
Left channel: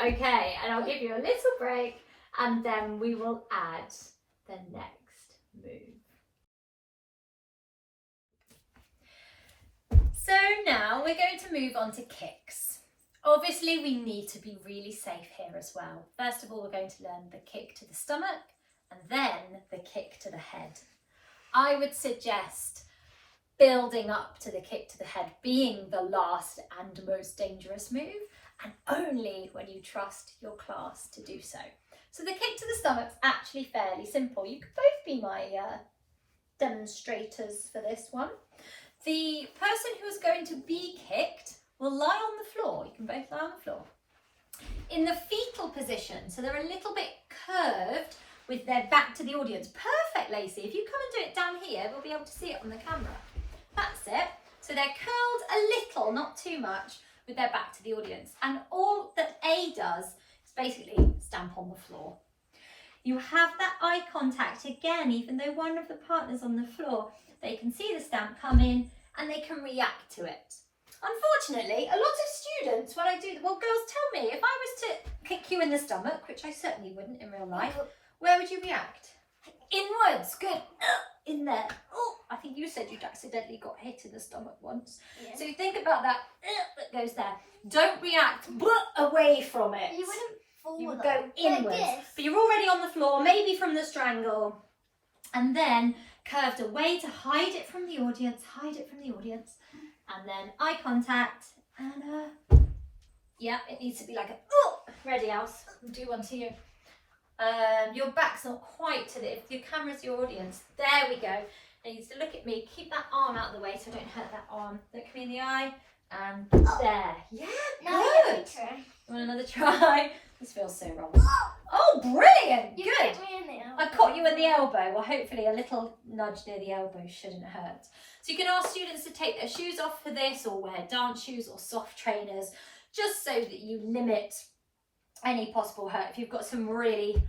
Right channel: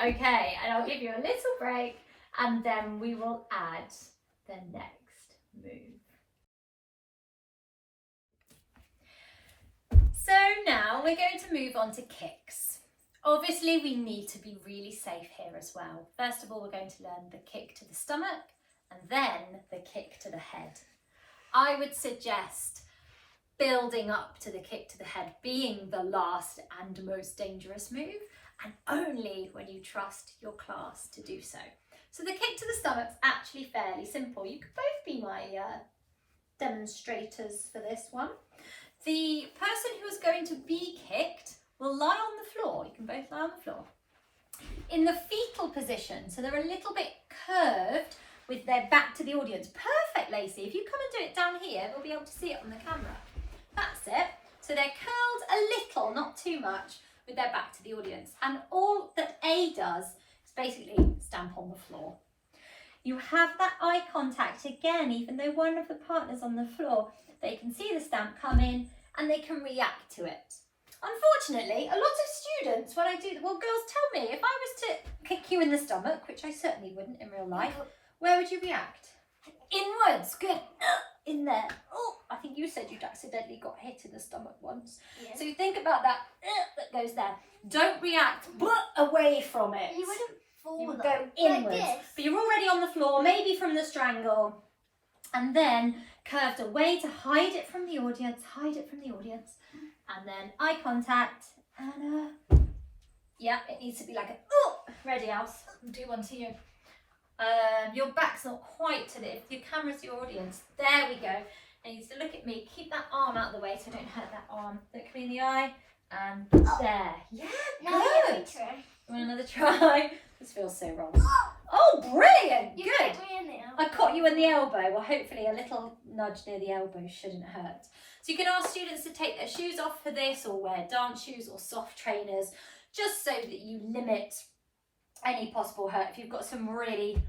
Okay, and I'll give you a little break, and then we will add the next move. So now we're going to move on to kicks. Obviously we need to be really safe here as well. First of all, we're going to learn the kick to the stomach and then the kick to the head. I would suggest building up to the kick to the head being the last and most dangerous move, and only when you trust your class to do so. So the kick to the stomach's actually fairly simple. You could both be my demonstrators for this one. The person who is going to be kicked will lie on the floor. You can both lie on the floor. In the fetal position, so they're a little bit curved with their back to the audience. Perfect, Lacey. If you come and do it down here, we'll be able to see it on the camera. That's it. So they're curled a little, not too much, with their back to the audience. And all that A does is basically stamp on the floor. You have that eye contact again, even though one of the partners on the floor, they can see the stamp come in and they can react to it. Unfortunately, a lot of students, when I do, well, girls, tell me, if I was to kick you in the stomach, which I certainly wouldn't in real life, where would you react? Inwards, good. In there. Oh, I think you said you'd accidentally got hit in the stomach once. Yeah. So you think about that that goes there. Don't react away from it. You wouldn't fall. You would go inwards. Like but you're already on the floor, maybe from the strangle, and then curved away to hide it from the audience, and then eye contact, and yeah, it needs to be like a, ready, Alice, I'll do one to you. Your back's not quite to the, if your camera's your audience, there we go. And you need to look at me, keep that arm out of the way so don't hurt that arm. Look me in the eye, and there. Yeah, good. Another try. This feels so wrong. Oh, brilliant, you good. Me in the elbow. I caught you in the elbow. Well, hopefully a little nudge near the elbow shouldn't hurt. So you can ask students to take their shoes off for this, or wear dance shoes or soft trainers, just so that you limit any possible hurt. If you've got some really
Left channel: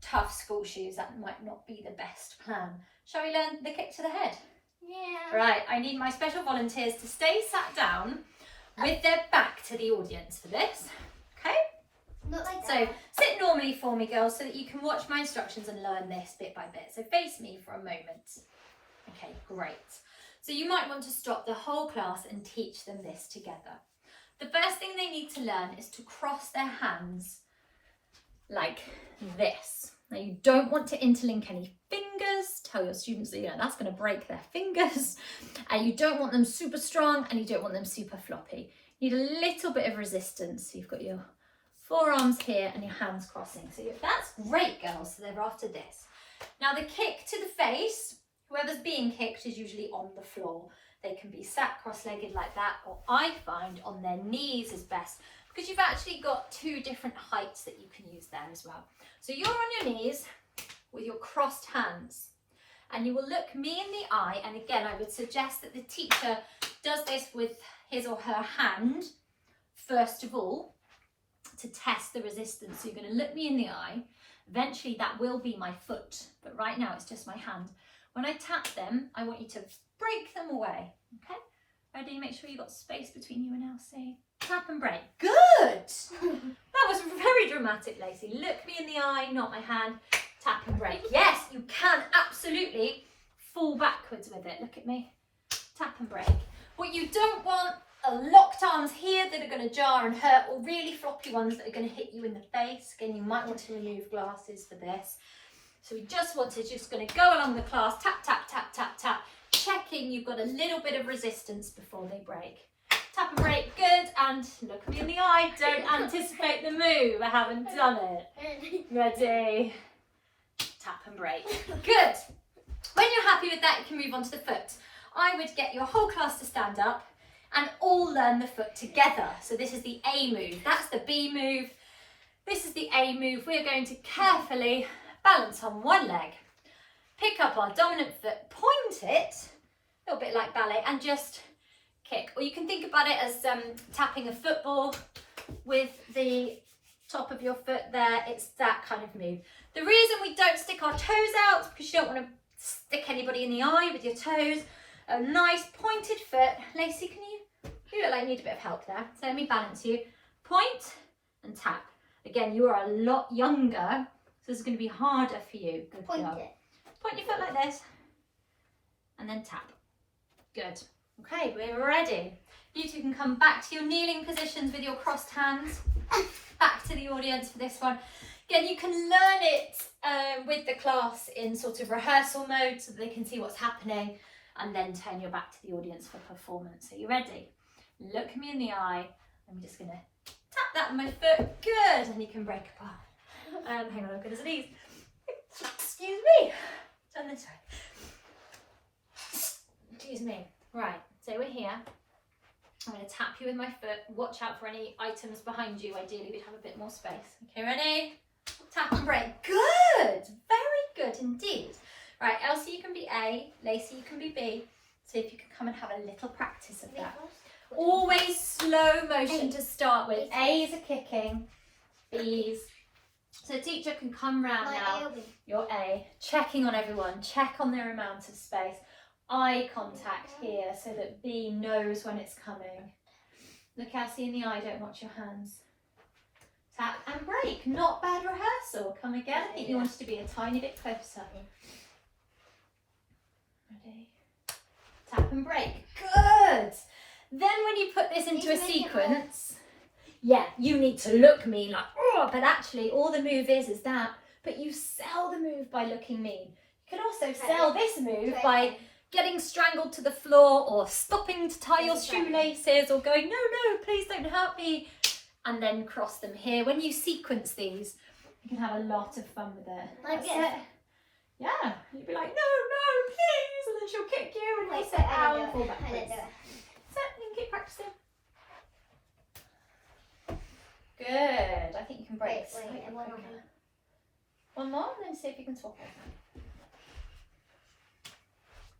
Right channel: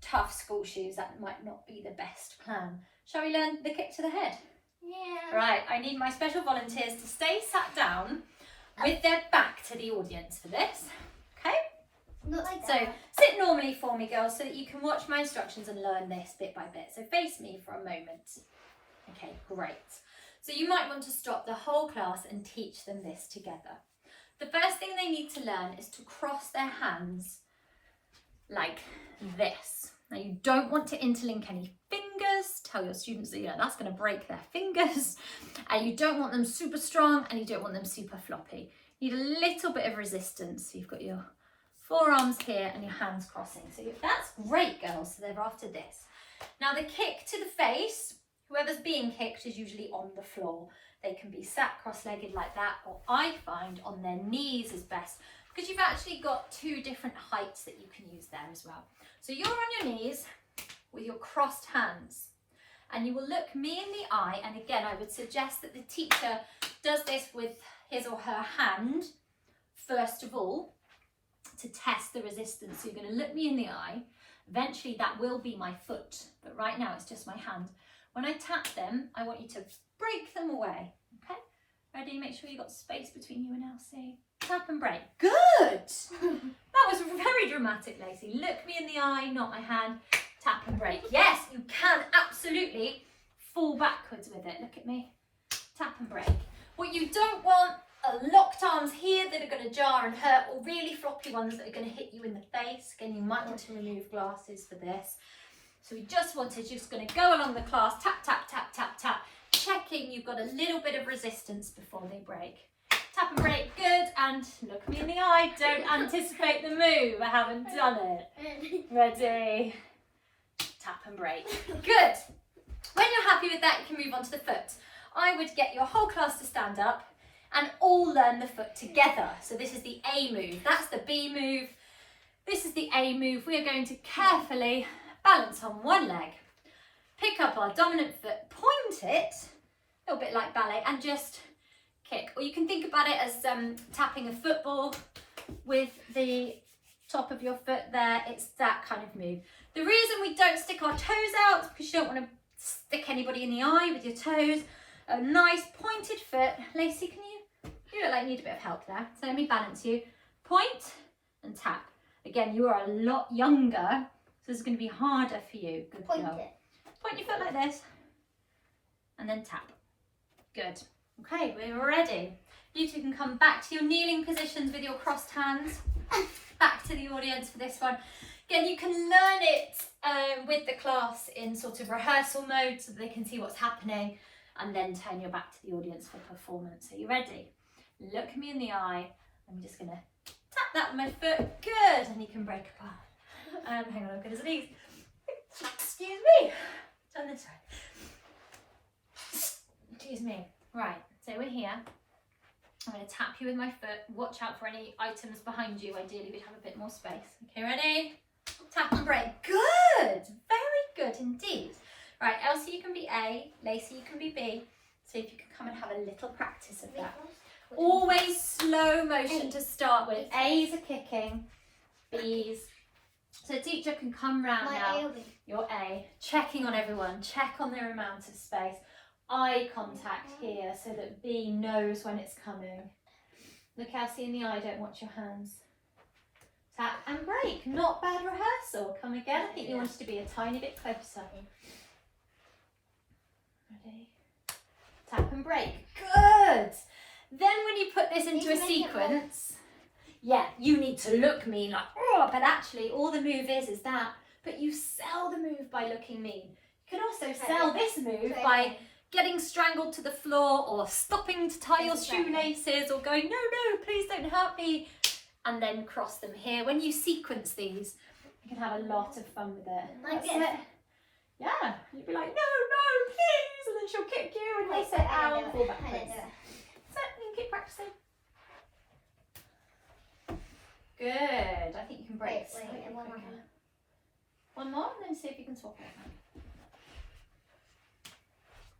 tough school shoes, that might not be the best plan. Shall we learn the kick to the head? Yeah. Right, I need my special volunteers to stay sat down with their back to the audience for this. Okay? Not like so that. Sit normally for me, girls, so that you can watch my instructions and learn this bit by bit. So face me for a moment. Okay, great. So you might want to stop the whole class and teach them this together. The first thing they need to learn is to cross their hands like this. Now you don't want to interlink any fingers. Tell your students that that's going to break their fingers. And you don't want them super strong and you don't want them super floppy. You need a little bit of resistance. So you've got your forearms here and your hands crossing. So that's great, girls. So they're after this. Now the kick to the face, whoever's being kicked is usually on the floor. They can be sat cross-legged like that, or I find on their knees is best because you've actually got two different heights that you can use there as well. So you're on your knees with your crossed hands and you will look me in the eye, and again I would suggest that the teacher does this with his or her hand first of all to test the resistance. So you're going to look me in the eye. Eventually that will be my foot, but right now it's just my hand. When I tap them, I want you to break them away, okay? Ready? Make sure you've got space between you and Elsie. Tap and break. Good! That was very dramatic, Lacey. Look me in the eye, not my hand. Tap and break. Yes, you can absolutely fall backwards with it. Look at me. Tap and break. What you don't want are locked arms here that are going to jar and hurt, or really floppy ones that are going to hit you in the face. Again, you might want to remove glasses for this. So we just want to going to go along the class, tap, tap, tap, tap, tap, checking you've got a little bit of resistance before they break. Tap and break, good, and look me in the eye, don't anticipate the move, I haven't done it. Ready, tap and break, good. When you're happy with that, you can move on to the foot. I would get your whole class to stand up and all learn the foot together. So this is the A move, that's the B move, this is the A move. We're going to carefully balance on one leg, pick up our dominant foot, point it, a little bit like ballet, and just kick. Or you can think about it as tapping a football with the top of your foot there. It's that kind of move. The reason we don't stick our toes out is because you don't want to stick anybody in the eye with your toes. A nice pointed foot. Lacey, you look like you need a bit of help there. So let me balance you. Point and tap. Again, you are a lot younger, so this is going to be harder for you. Good Point girl. it. Point your foot like this and then tap. Good. Okay, we're ready. You two can come back to your kneeling positions with your crossed hands. Back to the audience for this one. Again, you can learn it with the class in sort of rehearsal mode so that they can see what's happening, and then turn your back to the audience for performance. So you ready? Look me in the eye. I'm just going to tap that with my foot. Good. And you can break apart. Hang on, I'm going to sneeze. Excuse me. Turn this way. Excuse me. Right, so we're here. I'm going to tap you with my foot. Watch out for any items behind you. Ideally, we'd have a bit more space. Okay, ready? Tap and break. Good. Very good indeed. Right, Elsie, you can be A. Lacey, you can be B. So if you can come and have a little practice of that. Always slow motion to start with. A's are kicking. B's. So the teacher can come round now. Your A. Checking on everyone. Check on their amount of space. Eye contact here so that B knows when it's coming. Look Elsie in the eye, don't watch your hands. Tap and break. Not bad rehearsal. Come again. I think you wanted to be a tiny bit closer. Ready? Tap and break. Good. Then when you put this into a sequence, yeah, you need to look mean like, oh, but actually all the move is that. But you sell the move by looking mean. You can also sell this move by getting strangled to the floor or stopping to tie your shoelaces or going, no, please don't hurt me. And then cross them here. When you sequence these, you can have a lot of fun with it. That's it. Yeah, you'd be like, no, please. And then she'll kick you and you'll say, ow, and fall backwards. So you can keep practicing. Good. I think you can break. One more, and then see if you can swap it.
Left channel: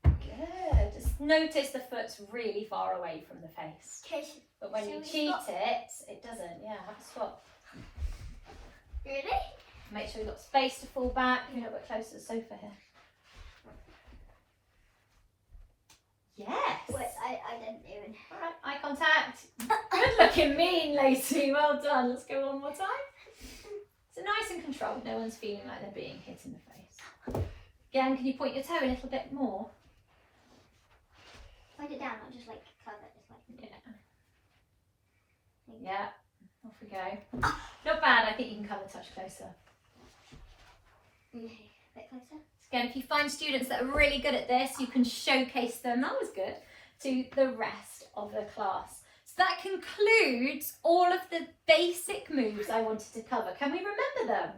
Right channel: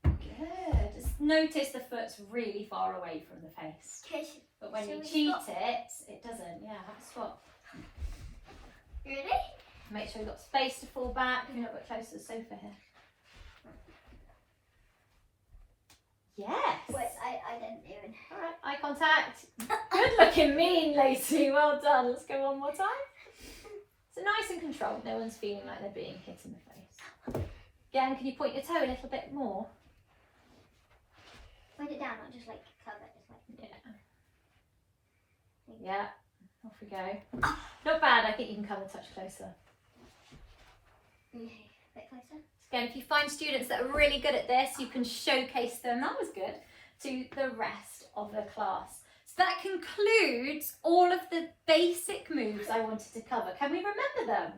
Good. Just notice the foot's really far away from the face. But when you cheat it doesn't. Yeah, have a swap. Really? Make sure you've got space to fall back. A little bit closer to the sofa here. Yes. Wait, I didn't even. Alright, eye contact. Good looking mean, Lacey. Well done. Let's go one more time. So nice and controlled. No one's feeling like they're being hit in the face. Again, can you point your toe a little bit more? Point it down, not just like curve it this way. Yeah. Off we go. Not bad. I think you can come a touch closer. Okay, a bit closer. Again, if you find students that are really good at this, you can showcase them, that was good, to the rest of the class. So that concludes all of the basic moves I wanted to cover. Can we remember them?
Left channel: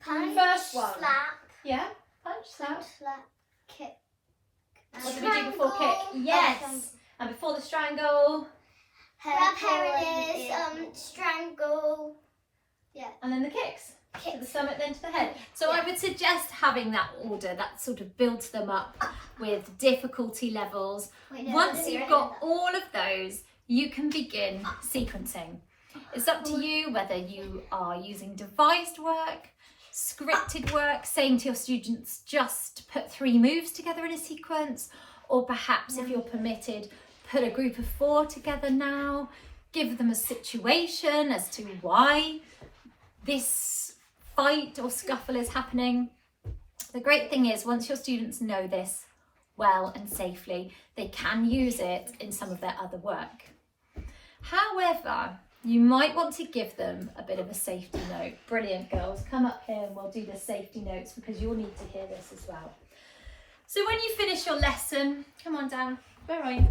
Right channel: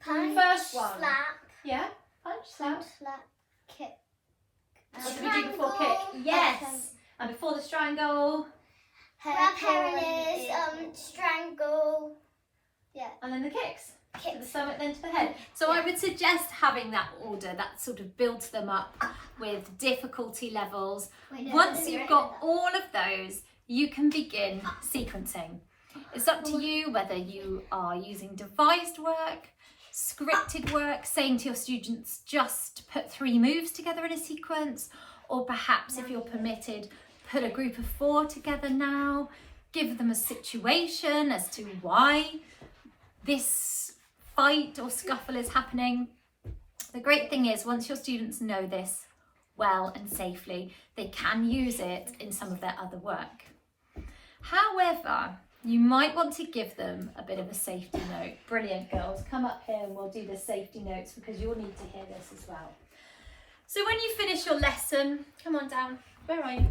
Punch, First one. slap. Yeah, punch, slap. Slap, kick. What did we do before kick? Yes. And before the strangle. Grab hairless, strangle. Yeah. And then the kicks. To Kick. the stomach, then to the head. So I would suggest having that order. That sort of builds them up with difficulty levels. Once you've got all of those, you can begin sequencing. It's up to you whether you are using devised work, scripted work, saying to your students just put 3 moves together in a sequence, or perhaps if you're permitted, put a group of 4 together now, give them a situation as to why this fight or scuffle is happening. The great thing is once your students know this well and safely, they can use it in some of their other work. However, you might want to give them a bit of a safety note. Brilliant, girls. Come up here and we'll do the safety notes because you'll need to hear this as well. So when you finish your lesson, come on down. Where are you?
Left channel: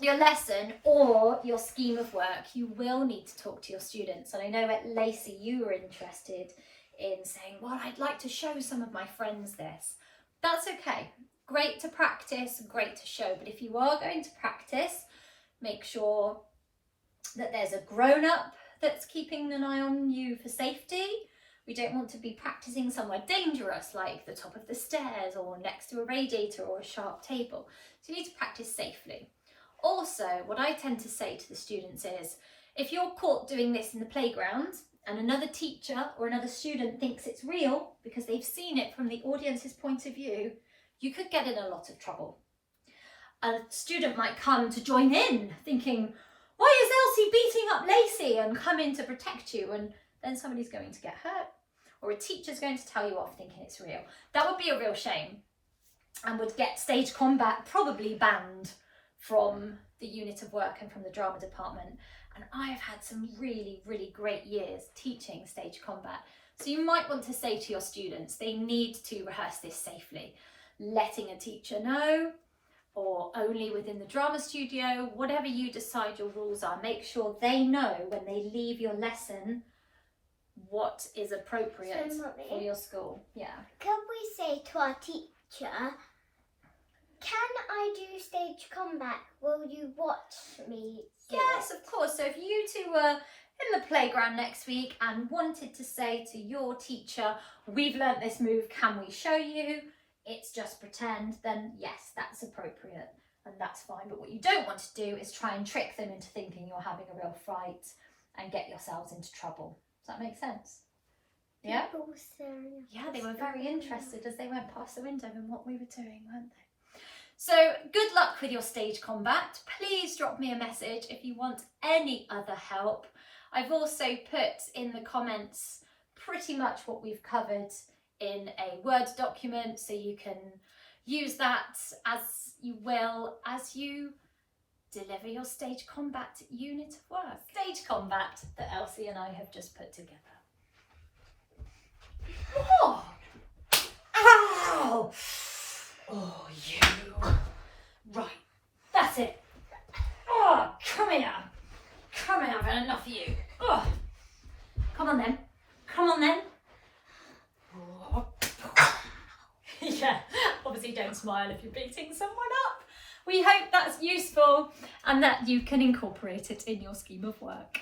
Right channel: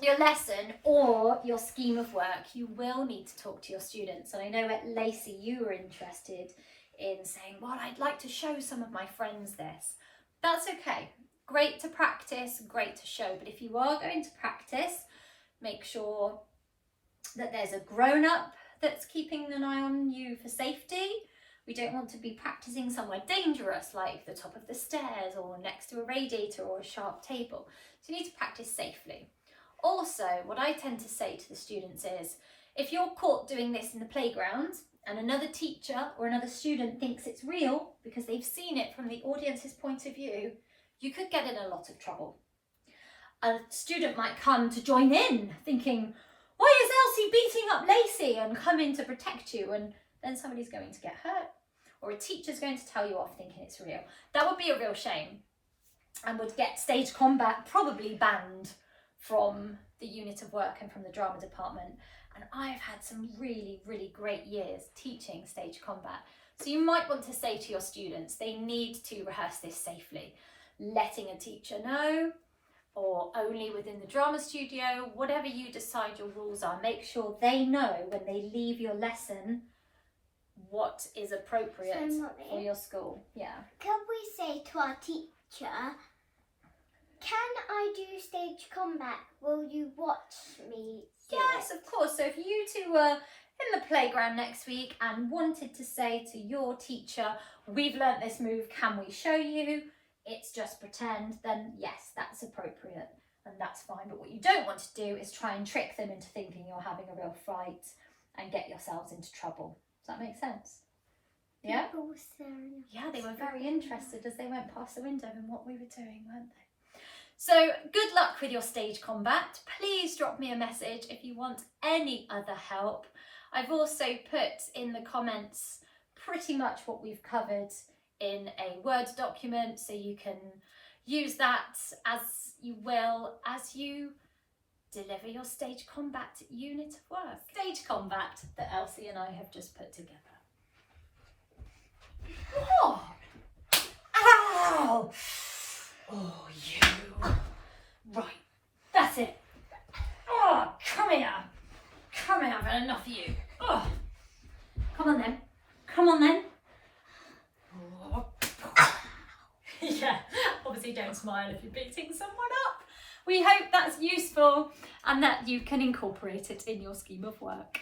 Your lesson or your scheme of work, you will need to talk to your students. And I know at Lacey, you were interested in saying, well, I'd like to show some of my friends this. That's okay. Great to practice, great to show. But if you are going to practice, make sure that there's a grown-up that's keeping an eye on you for safety. We don't want to be practicing somewhere dangerous like the top of the stairs or next to a radiator or a sharp table. So you need to practice safely. Also, what I tend to say to the students is, if you're caught doing this in the playground and another teacher or another student thinks it's real because they've seen it from the audience's point of view, you could get in a lot of trouble. A student might come to join in thinking, why is Elsie beating up Lacey, and come in to protect you, and then somebody's going to get hurt, or a teacher's going to tell you off thinking it's real. That would be a real shame and would get stage combat probably banned from the unit of work and from the drama department. And I've had some really, really great years teaching stage combat. So you might want to say to your students, they need to rehearse this safely, letting a teacher know, or only within the drama studio, whatever you decide your rules are, make sure they know when they leave your lesson what is appropriate So, Mummy, for your school. Yeah. can we say to our teacher, can I do stage combat? Will you watch me do Yes, it? of course. So if you two were in the playground next week and wanted to say to your teacher, we've learnt this move, can we show you? It's just pretend, then yes, that's appropriate and that's fine. But what you don't want to do is try and trick them into thinking you're having a real fight and get yourselves into trouble. Does that make sense? Yeah? People were staring at Yeah, they us. were very interested as they went past the window in what we were doing, weren't they? So good luck with your stage combat. Please drop me a message if you want any other help. I've also put in the comments pretty much what we've covered in a Word document, so you can use that as you will as you deliver your stage combat unit of work. Stage combat that Elsie and I have just put together. Oh! Ow! Oh, you. Right, that's it. Oh, come here. Come here, I've had enough of you. Oh. Come on then. Come on then. Oh. Yeah, obviously don't smile if you're beating someone up. We hope that's useful and that you can incorporate it in your scheme of work.